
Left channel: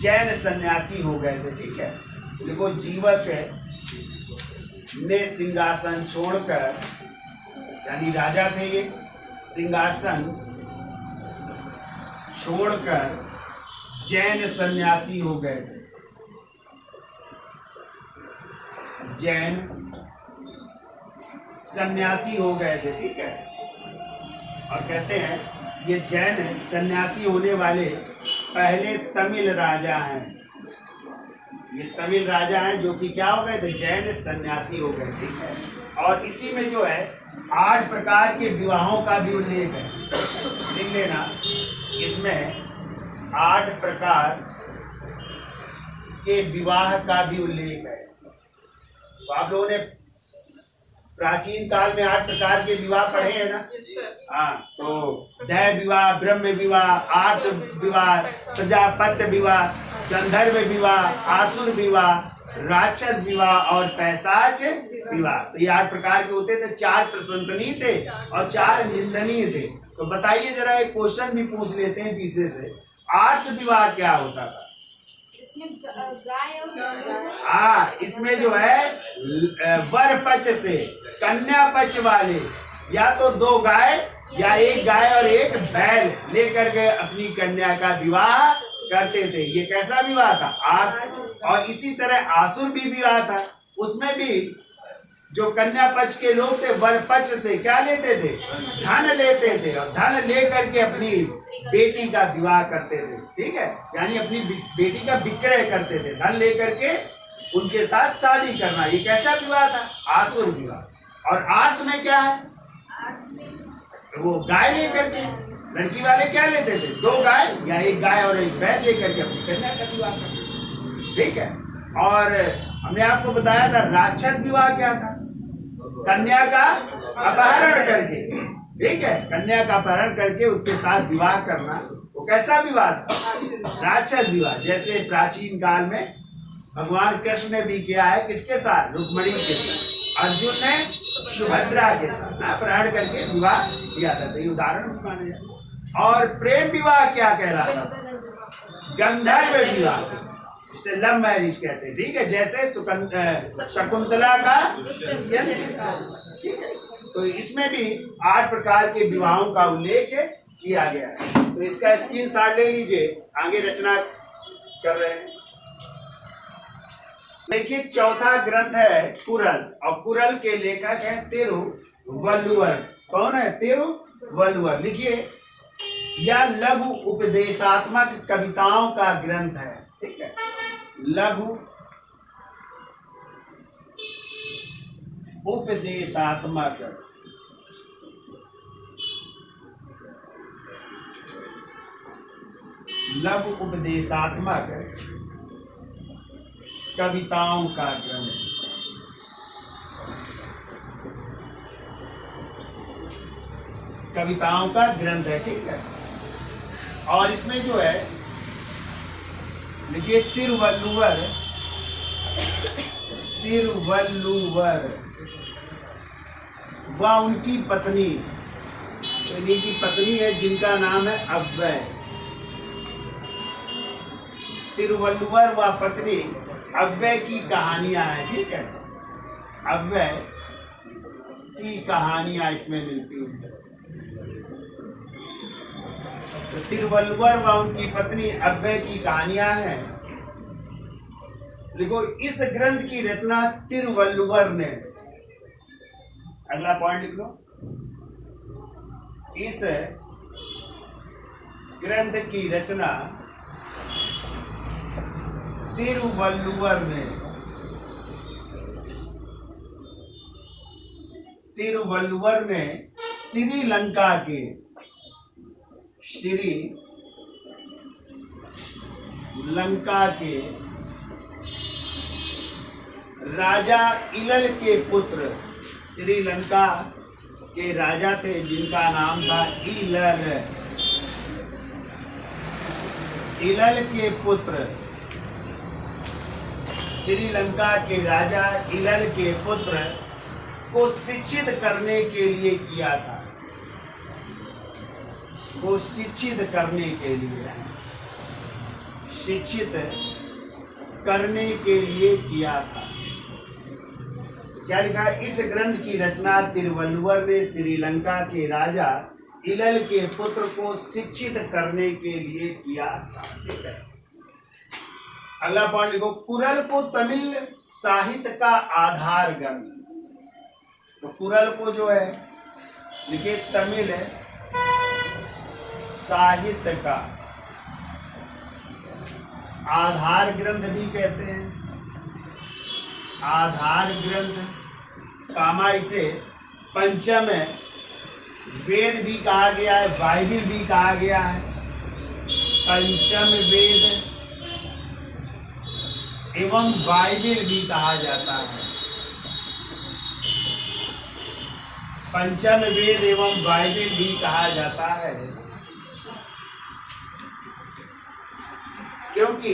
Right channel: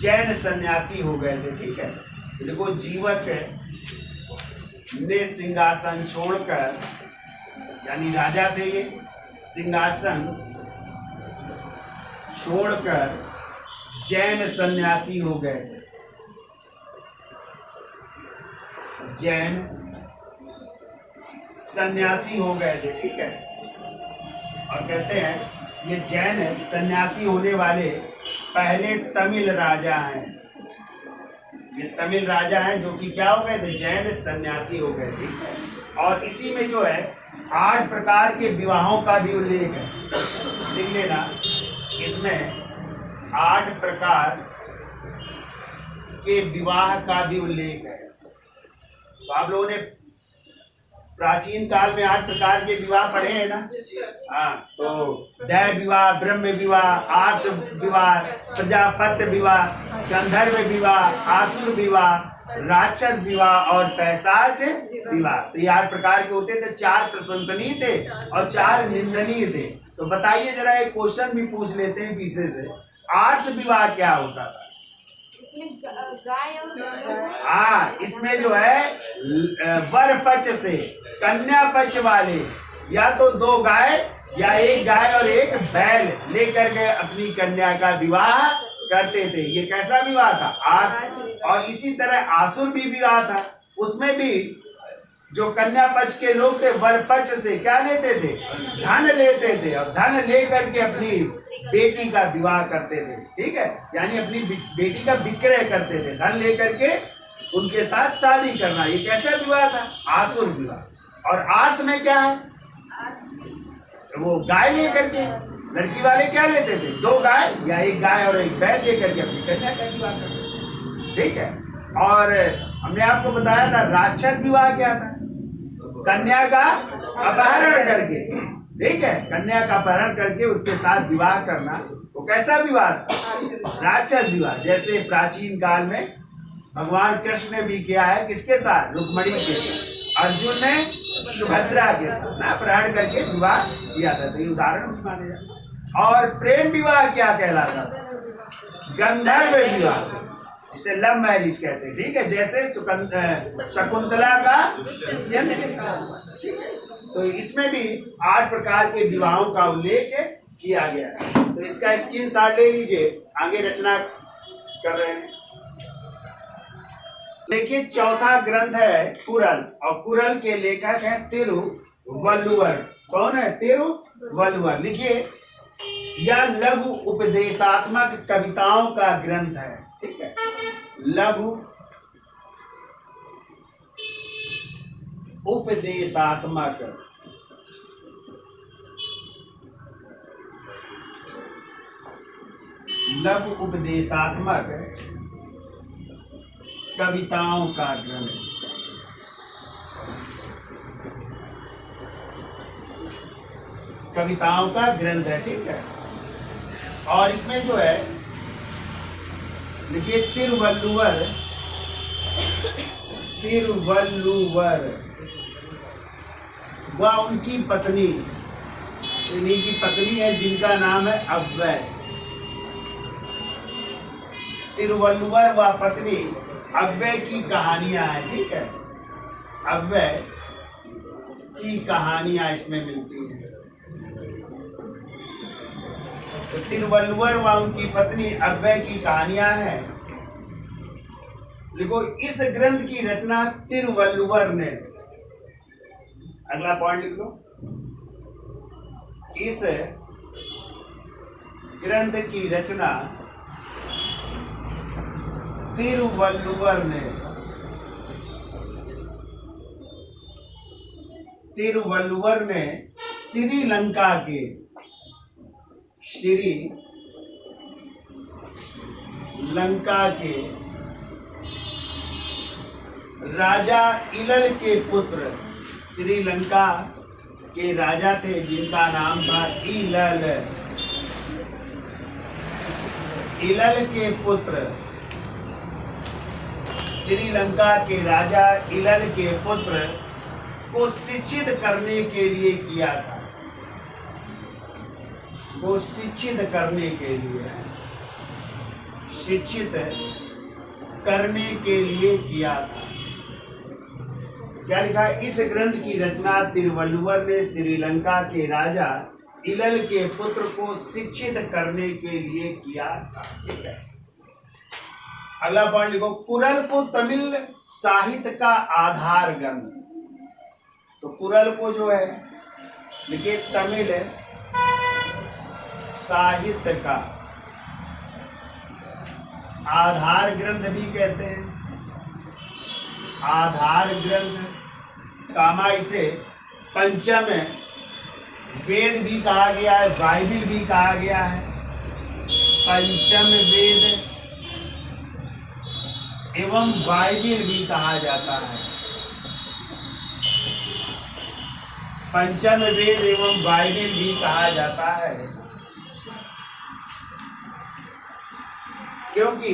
जैन सन्यासी हो गए थे, ठीक है। तो देखो जीवक ने सिंहासन छोड़कर, यानी राजा थे ये, सिंहासन छोड़कर जैन सन्यासी हो गए थे, जैन सन्यासी हो गए थे, ठीक है। और कहते हैं ये जैन सन्यासी होने वाले पहले तमिल राजा हैं, ये तमिल राजा हैं जो कि क्या हो गए थे? जैन सन्यासी हो गए, ठीक है। और इसी में जो है 8 प्रकार के विवाहों का भी उल्लेख है, लिख लेना, इसमें 8 प्रकार के विवाह का भी उल्लेख है। तो आप लोगों ने प्राचीन काल में 8 प्रकार के विवाह पढ़े हैं ना? हाँ, तो दैव विवाह, ब्रह्म विवाह, आर्ष विवाह, प्रजापत्य विवाह, गंधर्व विवाह, आसुर विवाह, राक्षस विवाह और पैशाच विवाह। तो ये 8 प्रकार के होते थे। 4 प्रशंसनीय थे और 4 निंदनीय थे। तो बताइए जरा, एक क्वेश्चन भी पूछ लेते हैं पीछे से, आर्ष विवाह क्या होता था? इसमें गाय और हाँ, इसमें जो है वर पक्ष से कन्या पक्ष वाले या तो 2 गाय या 1 गाय और 1 बैल लेकर के अपनी कन्या का विवाह करते थे। ये कैसा विवाह था? आर्ष। और इसी तरह आसुर भी विवाह था। उसमें भी जो कन्या पक्ष के लोग थे वर पक्ष से क्या लेते थे? धन लेते थे और धन लेकर के अपनी बेटी का विवाह करते थे। ठीक है, यानी अपनी बेटी का विक्रय करते थे, धन लेकर के उनके साथ शादी करना। ये कैसा विवाह था? आसुर विवाह। और आर्ष में क्या है? वो गाय लेकर के, लड़की वाले क्या लेते थे? 2 गाय या 1 गाय और 1 बैल लेकर के अपनी कन्या का विवाह करते थे। ठीक है, और हमने आपको बताया था राक्षस विवाह क्या था? कन्या का अपहरण करके, ठीक है, कन्या का अपहरण करके उसके साथ विवाह करना। वो कैसा विवाह था? राक्षस विवाह। जैसे प्राचीन काल में भगवान कृष्ण ने भी किया है, किसके साथ? रुक्मिणी के साथ। अर्जुन ने सुभद्रा के साथ अपहरण करके विवाह किया था। तो ये उदाहरण माने जाए। और प्रेम विवाह क्या कहलाता था? गंधर्व विवाह, इसे लव मैरिज कहते हैं। ठीक है, जैसे शकुंतला का दुष्यंत के साथ। ठीक है, तो इसमें भी 8 प्रकार के विवाहों का उल्लेख किया गया है। तो इसका स्क्रीनशॉट ले लीजिए, आगे रचना कर रहे हैं। देखिए, चौथा ग्रंथ है कुरल, और कुरल के लेखक है तिरुवल्लुवर। कौन है? तिरुवल्लुवर। लिखिए, यह लघु उपदेशात्मक कविताओं का ग्रंथ है। ठीक है, लघु उपदेशात्मक लघु उपदेशात्मक कविताओं का ग्रंथ, कविताओं का ग्रंथ है। ठीक है, और इसमें जो है देखिए, तिरुवल्लुवर वह उनकी पत्नी, इन्हीं की पत्नी है जिनका नाम है अव्वय। तिरुवल्लुवर व पत्नी अव्वय की कहानियां हैं। ठीक है, अव्वय की कहानियां इसमें मिलती हैं। तो तिरुवल्लुवर व उनकी पत्नी अव्वय की कहानियां हैं। देखो, इस ग्रंथ की रचना तिरुवल्लुवर ने, अगला पॉइंट लिख लो, इस ग्रंथ की रचना तिरुवल्लुवर ने श्रीलंका के राजा इलल के पुत्र, श्रीलंका के राजा थे जिनका नाम था इलल के पुत्र, श्रीलंका के राजा इलल के पुत्र को शिक्षित करने के लिए किया था। को शिक्षित करने के लिए, शिक्षित करने के लिए किया था। क्या लिखा है? इस ग्रंथ की रचना तिरुवल्लुवर ने श्रीलंका के राजा इलल के पुत्र को शिक्षित करने के लिए किया था। ठीक है, अगला पॉइंट लिखो, कुरल को तमिल साहित्य का आधार ग्रंथ। तो कुरल को जो है लिखिए तमिल साहित्य का आधार ग्रंथ भी कहते हैं। आधार ग्रंथ कामा इसे पंचम वेद भी कहा गया है, बाइबिल भी कहा गया है। पंचम वेद एवं बाइबिल भी कहा जाता है। पंचम वेद एवं बाइबिल भी कहा जाता है, क्योंकि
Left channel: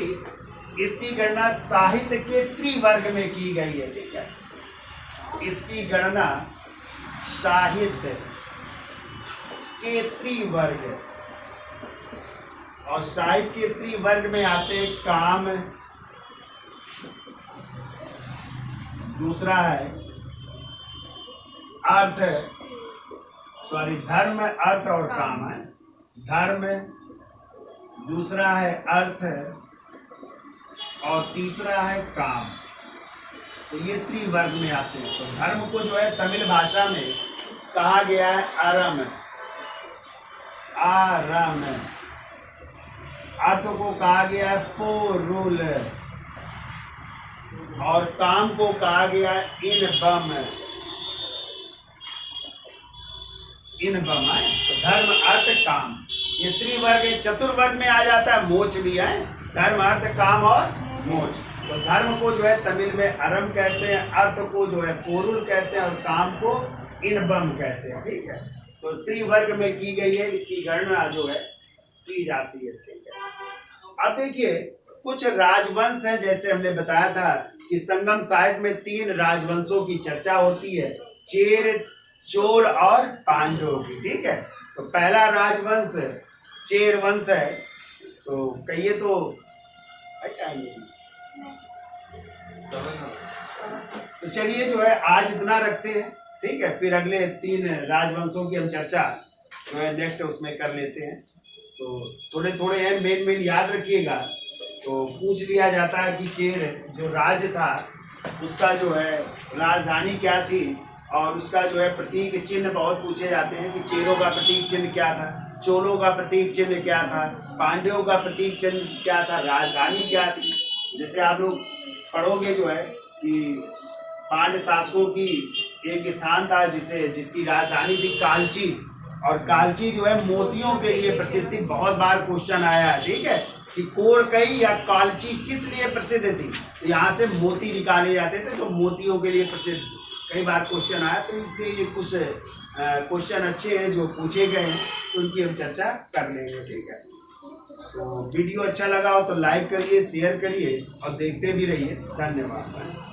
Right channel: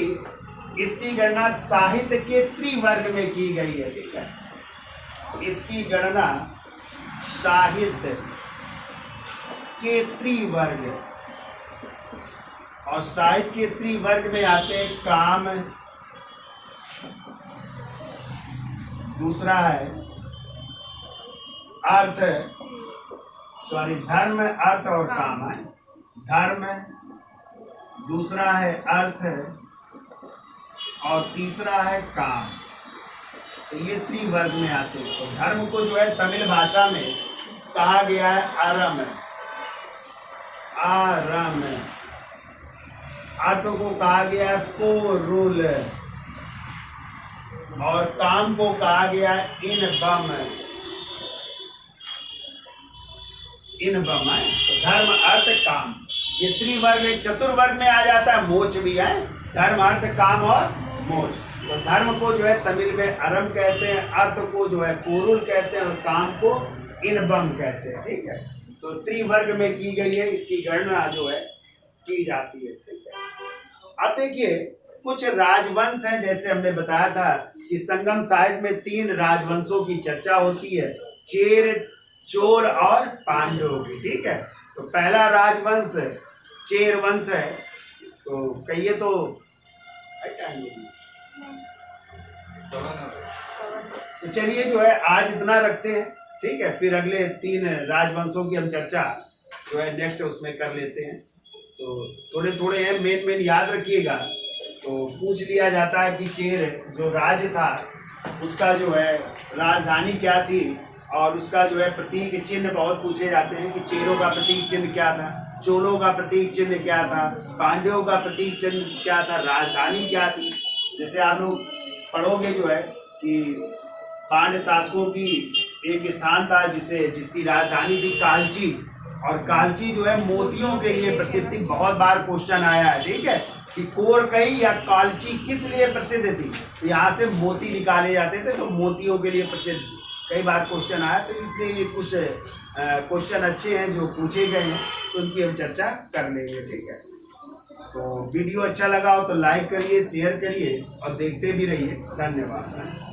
इसकी गणना साहित्य के त्रिवर्ग में की गई है। ठीक है, इसकी गणना साहित्य के त्रिवर्ग, और साहित्य के त्रिवर्ग में आते हैं काम, दूसरा है अर्थ, धर्म, अर्थ और काम है। धर्म, दूसरा है अर्थ और तीसरा है काम। तो ये त्रिवर्ग में आते हैं। तो धर्म को जो है तमिल भाषा में कहा गया है अरम, आरम। अर्थ को कहा गया है पोरुल, और काम को कहा गया है इनबम, इनबम है। तो धर्म, अर्थ, काम, ये त्रिवर्ग। एक चतुर्वर्ग में आ जाता है मोक्ष भी है, धर्म, अर्थ, काम और मोक्ष। तो धर्म को जो है तमिल में अरम कहते हैं, अर्थ को जो है पोरुल कहते हैं, और काम को इनबम कहते हैं। ठीक है, तो त्रिवर्ग में की गई है, इसकी गणना जो है की जाती है। ठीक है, अब देखिए कुछ राजवंश हैं, जैसे हमने बताया था कि संगम साहित्य में 3 राजवंशों की चर्चा होती है, चेर, चोल और पांडवों की। ठीक है, तो पहला राजवंश चेर वंश है। तो कहिए तो चलिए जो है आज इतना रखते हैं। ठीक है, फिर अगले 3 राजवंशों की हम चर्चा जो है नेक्स्ट उसमें कर लेते हैं। तो थोड़े थोड़े हैं, मेन याद रखिएगा। तो पूछ लिया जाता है कि चेर जो राज्य था उसका जो है राजधानी क्या थी, और उसका जो है प्रतीक चिन्ह बहुत पूछे जाते हैं कि चेरों का प्रतीक चिन्ह क्या था, चोलों का प्रतीक चिन्ह क्या था, पांड्यों का प्रतीक चिन्ह क्या था, राजधानी क्या थी। जैसे आप लोग पढ़ोगे जो है कि पांड्य शासकों की एक स्थान था जिसकी राजधानी थी कालची, और कालची जो है मोतियों के लिए प्रसिद्ध थी। बहुत बार क्वेश्चन आया है, ठीक है, कि कोरकई या कालची किस लिए प्रसिद्ध थी। तो यहाँ से मोती निकाले जाते थे, तो मोतियों के लिए प्रसिद्ध कई बार क्वेश्चन आया। तो इसलिए ये कुछ क्वेश्चन अच्छे हैं जो पूछे गए हैं, तो उनकी हम चर्चा कर लेंगे। ठीक है, तो वीडियो अच्छा लगा हो तो लाइक करिए, शेयर करिए और देखते भी रहिए। धन्यवाद।